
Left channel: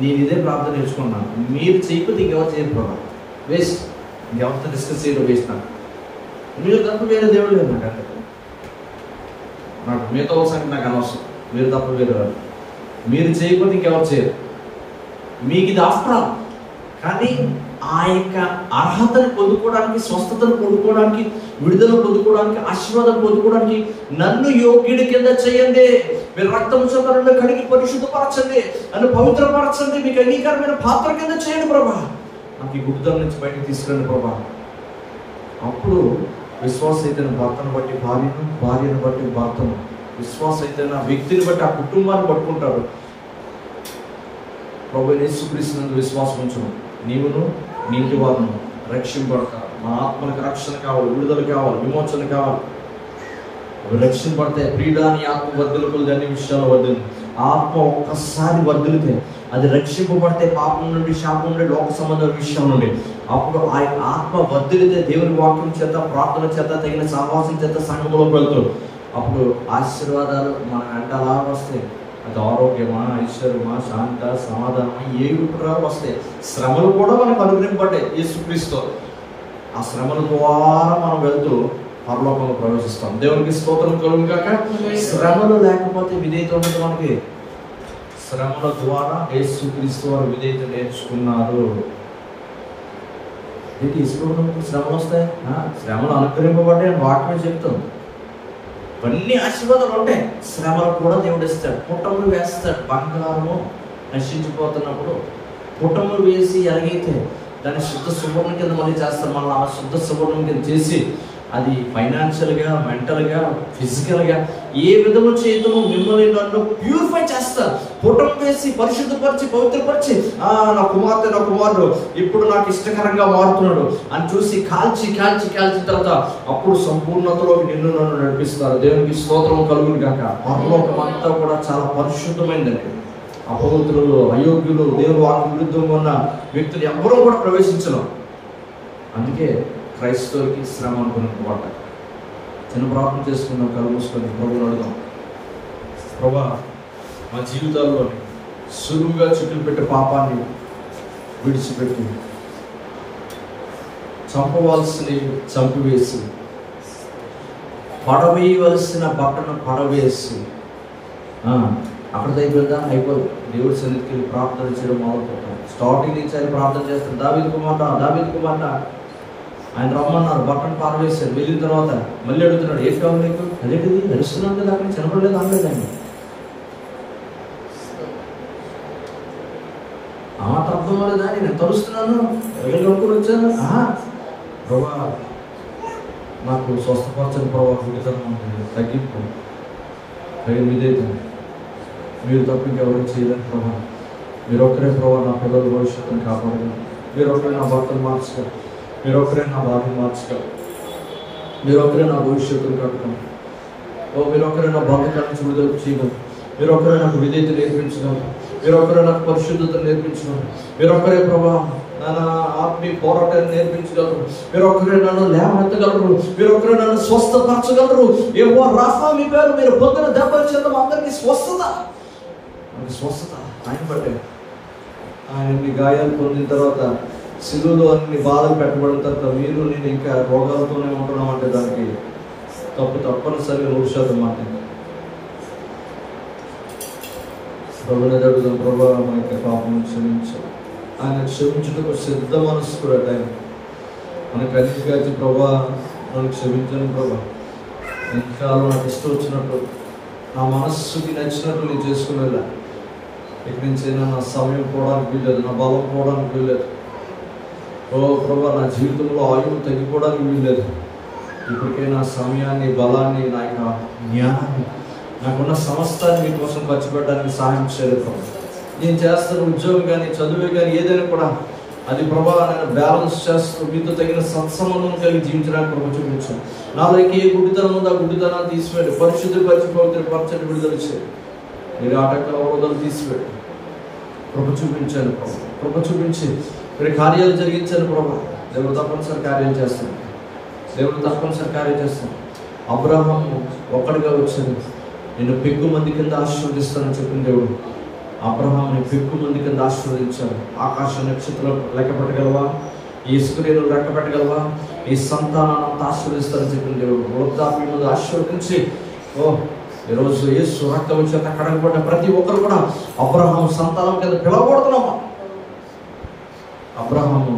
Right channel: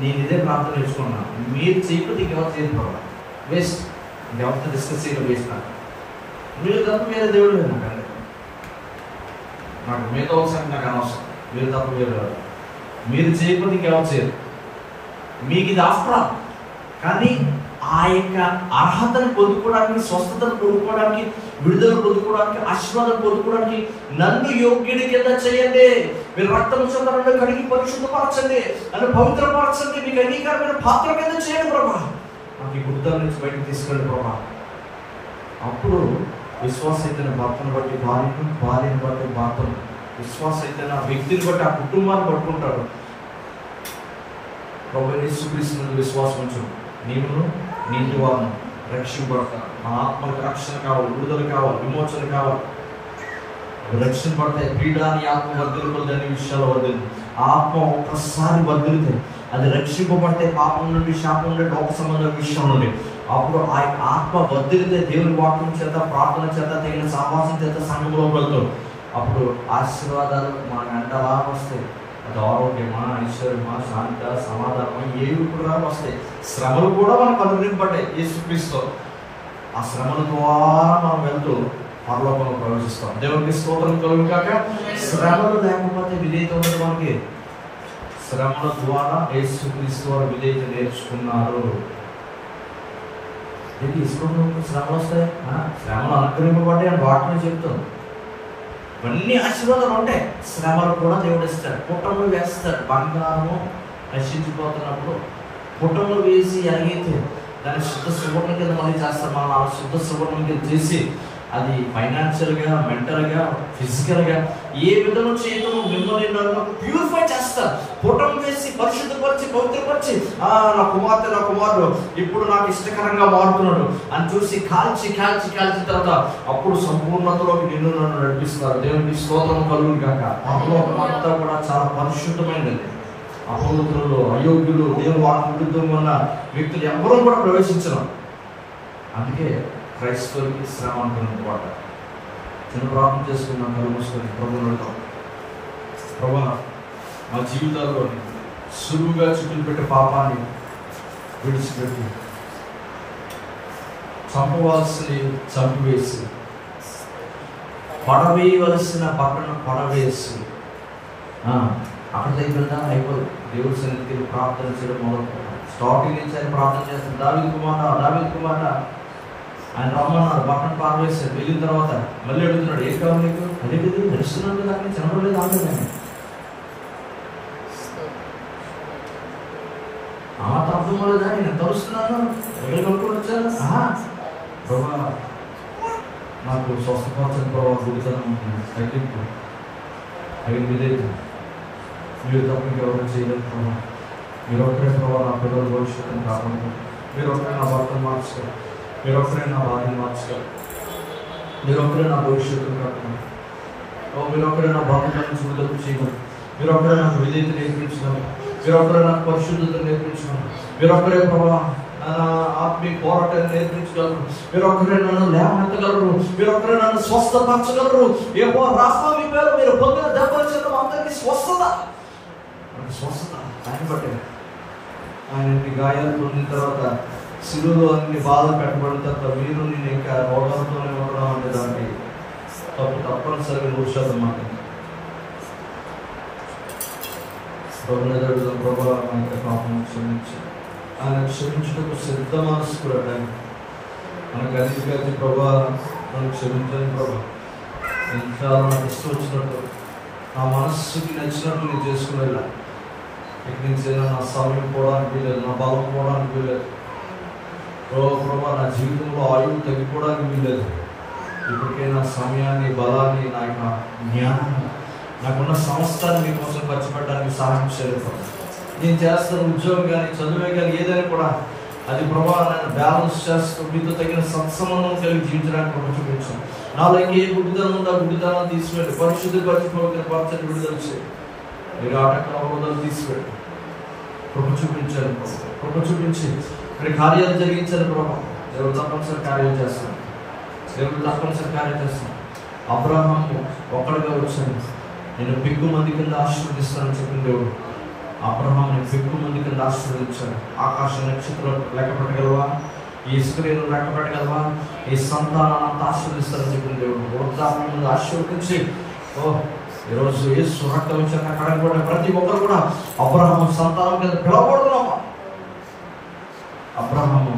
నేను ఇదే ప్రార్థన నేర్చుకున్నాను. మీరు చేయకపోతే ఇంకెవరు చేయరు ప్రభా. వేస్ట్. ఇంకెవరితో డిస్కస్ చేయడం వేస్ట్. మీరు తప్ప వేరే దేవుడు లేదు నాకంటే. నాకు మిగతా సంఖ్య నాకు అనవసరం. మీరు తప్ప మీరు చేయకపోతే ఇంకెవరు చేయరు. మీకు ఇది ఆఫ్టర్. కానీ ఆ యొక్క అర్హతను పొందుకోవడానికి, స్వస్థతను పొందుకోవడానికి, విడుదల పొందుకోవడానికి, ఆశీర్వాదం పొందుకోవడానికి నన్ను యోగ్యుడి కింద చేయండి, మీరు రక్తము చేత నన్ను కడిగి పరిశుద్ధపరచండి, నన్ను పవిత్రపరచండి, మీకు అంగీకారమైన పాత్ర కింద చేయండి ప్రభా. నాకు ఈ గుడ్డల నుంచి బయటకు తీసుకురండి ప్రభా. అప్పుడు విశ్వాస అయితే భర్తను బట్టి భార్యను, భార్యను బట్టి భర్తను, విశ్వాస అయితే ఆ వ్యక్తిని బట్టి ఆ కుటుంబాన్ని పట్టుకుంటాడు. ప్రభువైన యేసుక్రీస్తునందు విశ్వాసం ఉంచును, నీవును నీటి వారును రక్షింపడతారు. మన ఆత్మలకు రక్షణ కావాలి, విడుదల కావాలి, విమోచన కావాలి. అవి రక్షింపడితే ప్రియుడాని ఆత్మ వర్ధిల్లుకొలది అన్ని విషయాలు వర్ధిల్లు. ఆత్మ ఒక్కసారి వర్ధిల్లితే అది రక్షింపబడితే పాపం నుండి, శాపం నుండి, లోక సంబంధ విషయం నుండి అప్పుడు ఆ ఆత్మ వర్ధిల్లితే దేవుని వాక్యం చేత, ప్రార్థన చేత, తగిన సహవాసం చేత సంఘంలోకి వెళ్తూ అప్పుడు ఆశీర్వాదాలు మనకంటే అలా వస్తాయి. అది ఆరోగ్యమా, ఐశ్వర్యమా, శాంత, సమాధానమా, ఏవి కూడా వస్తాయి. శ్రమలు కూడా మనకు అనుగ్రహింపడ్డాయి యేసుక్రీస్తు. ఆ శ్రమల ద్వారా మనం వెళ్తూ పరలోకంలో ప్రవేశిస్తాం. దేవునికి స్తోత్రం కలుగును గాక. శ్రమలు లేకపోతే విధేయత ఉండదు మనకి. శ్రమల ద్వారా యేసుక్రీస్తు వారు విధేయత నేర్చుకున్నారు. తీసుకున్నప్పుడు శ్రమలు వస్తాయి, శ్రమలు అనుగ్రహింపబడ్డాయి అని వాక్యమే చెప్తాం. ఇవన్నీ ఆశీర్వాదాలు ఉంటాయి. శ్రమలు కూడా దేవుడు ఇస్తాడు. పుట్టములు వేస్తాడు. బంగారము నశించిపోతున్నప్పుడు పుట్టములు వేసి ఎలాగైతే దాన్ని శుద్ధ సువర్ణం కింద మళ్ళీ చేస్తారు. మళ్ళీ ఆ శుద్ధ సువర్ణం కింద చేసి అది ఫైనాన్షియల్గా, మెంటల్గా, ఫిజికల్గా ఏ విధంగా చేయటము మిమ్మల్ని నన్ను ప్యూరిఫై చేస్తారు. పుటం వేసి పరిశుద్ధపరిచి పవిత్రపరిచి నా కుమార్తె, నా కుమారుడు ఇప్పుడు నాకు ఇష్టకరంగా మారుతున్నాడు అని చూసి కాల్చి కాల్చి కాల్చిన తర్వాత అప్పుడు సంపూర్ణతలోకి నిన్ను నన్ను నడిపిస్తారు. దేవునికి స్తోత్రం కలుగును గాక. పరలోకం అంతా కూడా చాలా పరిశుద్ధమైందండి. అపవిత్రులు, అయోగ్యులు, దేవుని వాక్యం విరుద్ధంగా ఉన్న వ్యక్తులు ఎవరూ కూడా ప్రవేశించరు. అందుకే క్రైస్తవులకి శ్రమ అనుకున్నమాట. చిన్న ప్రార్థన చేసుకున్న కళ్ళు మూసుకొని ప్రభువుని అడుగుదాం. ప్రభా, మా జీవితాల్లోని సులువుగా చుట్టూ పెట్టే పాపాన్ని విడిచిపెట్టి చంపవలసినవి చంపివేసి, పడవేయవలసిన బట్టను పడవేసి, అక్కడ అయిపోయిందా? అయిపోదు. దేవుడి సన్నిధికి ప్రార్థన చేయడం మొదలుపెట్టాం. స్టార్టింగ్ నుంచి ఆయన ప్రార్థన చేస్తాం. దావీదు కుమార్తె ఆయన రమ్మన్నారు, బట్టను పారవేశారు. వెళ్ళిన తర్వాత మళ్ళీ అడుగుతున్నాడు, ఏం కావాలి నీకు? అదేంటిది నడుస్తున్నాను కదా, అక్కడ చిన్నపడలేదు అనలేదండి. మాట అర్థం అవ్వలేదా? నేను తరుస్తున్నాను, ఎగలు కనుక్కొని వచ్చాను. ప్రభా, నాకు స్వస్థపరచని ప్రభా, గుడితనం ఉంటుంది, తగ్గింపు తగిన విధేయత, మీరు తప్ప ఇంకెవరు చేయలేదు ప్రభా. మీరు ఒక్కరే ప్రభా నా పిల్లల భవిష్యత్తుని కాపాడగలరు. మీరు ఒక్కరే నా భర్తను మార్చగలరు. మీరు ఒక్కరే నా భార్యను మార్చగలరు. మీరు ఒక్కరే నా భవిష్యత్తును కాపాడగలరు. మీరు ఒక్కరే నా బాధ్యత నుంచి విడుదల చేయగలరు. మీరు ఒక్కరే నాకు విధేయత నేర్పించగలరు. మీరు ఒక్కరే నాకు పరిశుద్ధతను నేర్పించగలరు. మీరు ఒక్కరే ప్రభా నా ఆత్మీయ పోరాటాన్ని నేర్పించగలరు. మీరు ఒక్కరే నన్ను లేవనెత్తగలరు. మీరు ఒక్కరే నన్ను స్వస్థపరచగలరు. ఏవో రాఫా మీ పేరు, మీరు పొందిన దెబ్బల చేత అందరికీ స్వస్థత. స్వస్థత ఆయన బట్టే. ఆయన అన్ని గాయాలు పొందిన తర్వాత, శిలువలో అన్ని బాధలు పెట్టబడిన తర్వాత మీరు నేను ఇంకా రోగాలతోనే ఉండడం అంటే దానికి తప్పనిసరిగా 100% మాట్లాడి ప్రభుని అడుగుదాం. ప్రభా, మా యొక్క పాపం క్షమించు. ఆయన క్షమించుటకు సిద్ధ మనసు కూడా ఆయన మనకు అన్నిటికీ ప్రభా నన్ను క్షమించను ప్రభా. ఇంకా నాకు ఇష్టం వచ్చినట్టు, నా మనస్సుకి నచ్చినట్టు నేను చేసుకునేలా ఇక్కడి నుంచైనా నా సమయం పోవడానికి వీల్లేదు, నా బలం పోవడానికి వీల్లేదు. ఓ ప్రభా, నా జీవితంలో ఆయువు తగ్గిపోవడానికి వీల్లేదు. ఇప్పటికైనా సమయాన్ని, బలాన్ని, నా యొక్క జ్ఞానాన్ని, నాకున్న సమస్తాన్ని మీ కోసం ఖర్చు పెట్టడానికి సహాయం చేయలేదు ప్రభు. నేను చేస్తున్న ఉద్యోగం కానీ, చదువే కానీ, ఏదైనా కూడా అది ప్రభా నన్ను బ్యాలెన్స్ చేస్తూ మీతో తగిన సత్సంబంధం కలిగి జీవించడానికి ప్రభు చూపించు. నాలోకి ఏ గుడ్డితనం ఉందో ఆ గుడ్డితనాన్ని తీసివేయండి. పరిశుద్ధపరిచి పవిత్రపరచని విడుదల చేయండి. మీరు ఆటంకాల అవరోధాలు తీసివేయండి. ప్రభు చూపించాను ప్రభు. ప్రభు చూపించి మీరు కార్యాలు జరిగించాను ప్రభు. దేవుడు తప్పనిసరి కార్యాలు చేస్తాను. దేవుడు తప్పనిసరి కార్యాలు చేస్తాను. అబ్రహాము ఒక్కడిగా వచ్చాడు. నేను పెక్కు మంది కింద ఆశీర్వదిస్తానని చెప్పిన దేవుడు అబ్రహాంని పెక్కు మంది కింద ఆశీర్వదించాడు. ఆకాశ నక్షత్రాలు లెక్క పెట్టగలవా? ఈ స్త్రీలు లెక్క పెట్టగలవా? ఈ సంతానాన్ని ఆశీర్వదిస్తానని చెప్పిన దేవుడు వృద్ధాప్యం మీద ఆశీర్వదించి, ఈరోజు యేసు రక్తం చేత కడగబడ్డ ప్రతి ఒక్కరు కూడా అబ్రహాం సంతానం కింద పిలవబడుతున్నామా? అబ్రహాము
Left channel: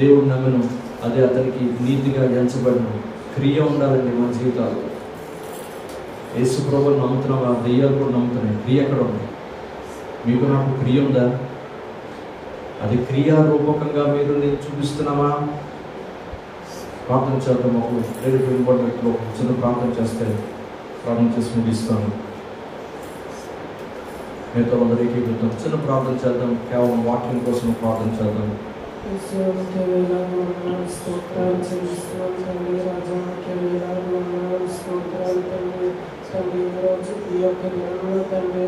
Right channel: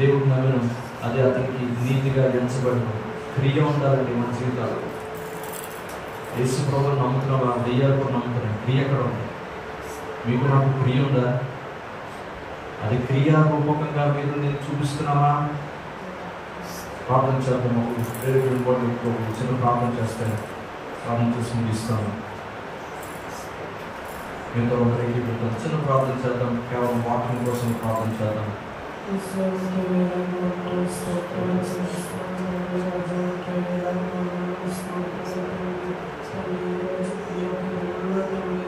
దేవుడు నమ్మను, అదే అతనికి నీతిగా ఎంచబడిన క్రియ ఉండాలండి మన జీవితాలు. యేసు ప్రభువుని నమ్ముతున్నావా? దెయ్యాలు కూడా నమ్ముతున్నాయి. క్రియ ఎక్కడ ఉంది? మీకు నాకు క్రియ ఉందా? అది క్రియారూపకంగా మీరు నేను చూపిస్తున్నామా? ప్రార్థన చేద్దాం. చిన్న ప్రార్థన చేస్తే ప్రార్థన చేసి ముగిస్తాను. మీతో అందరికీ చిన్న ప్రార్థన చేద్దాం. కేవలం వాక్యం కోసం ప్రార్థన చేద్దాం. Thank you.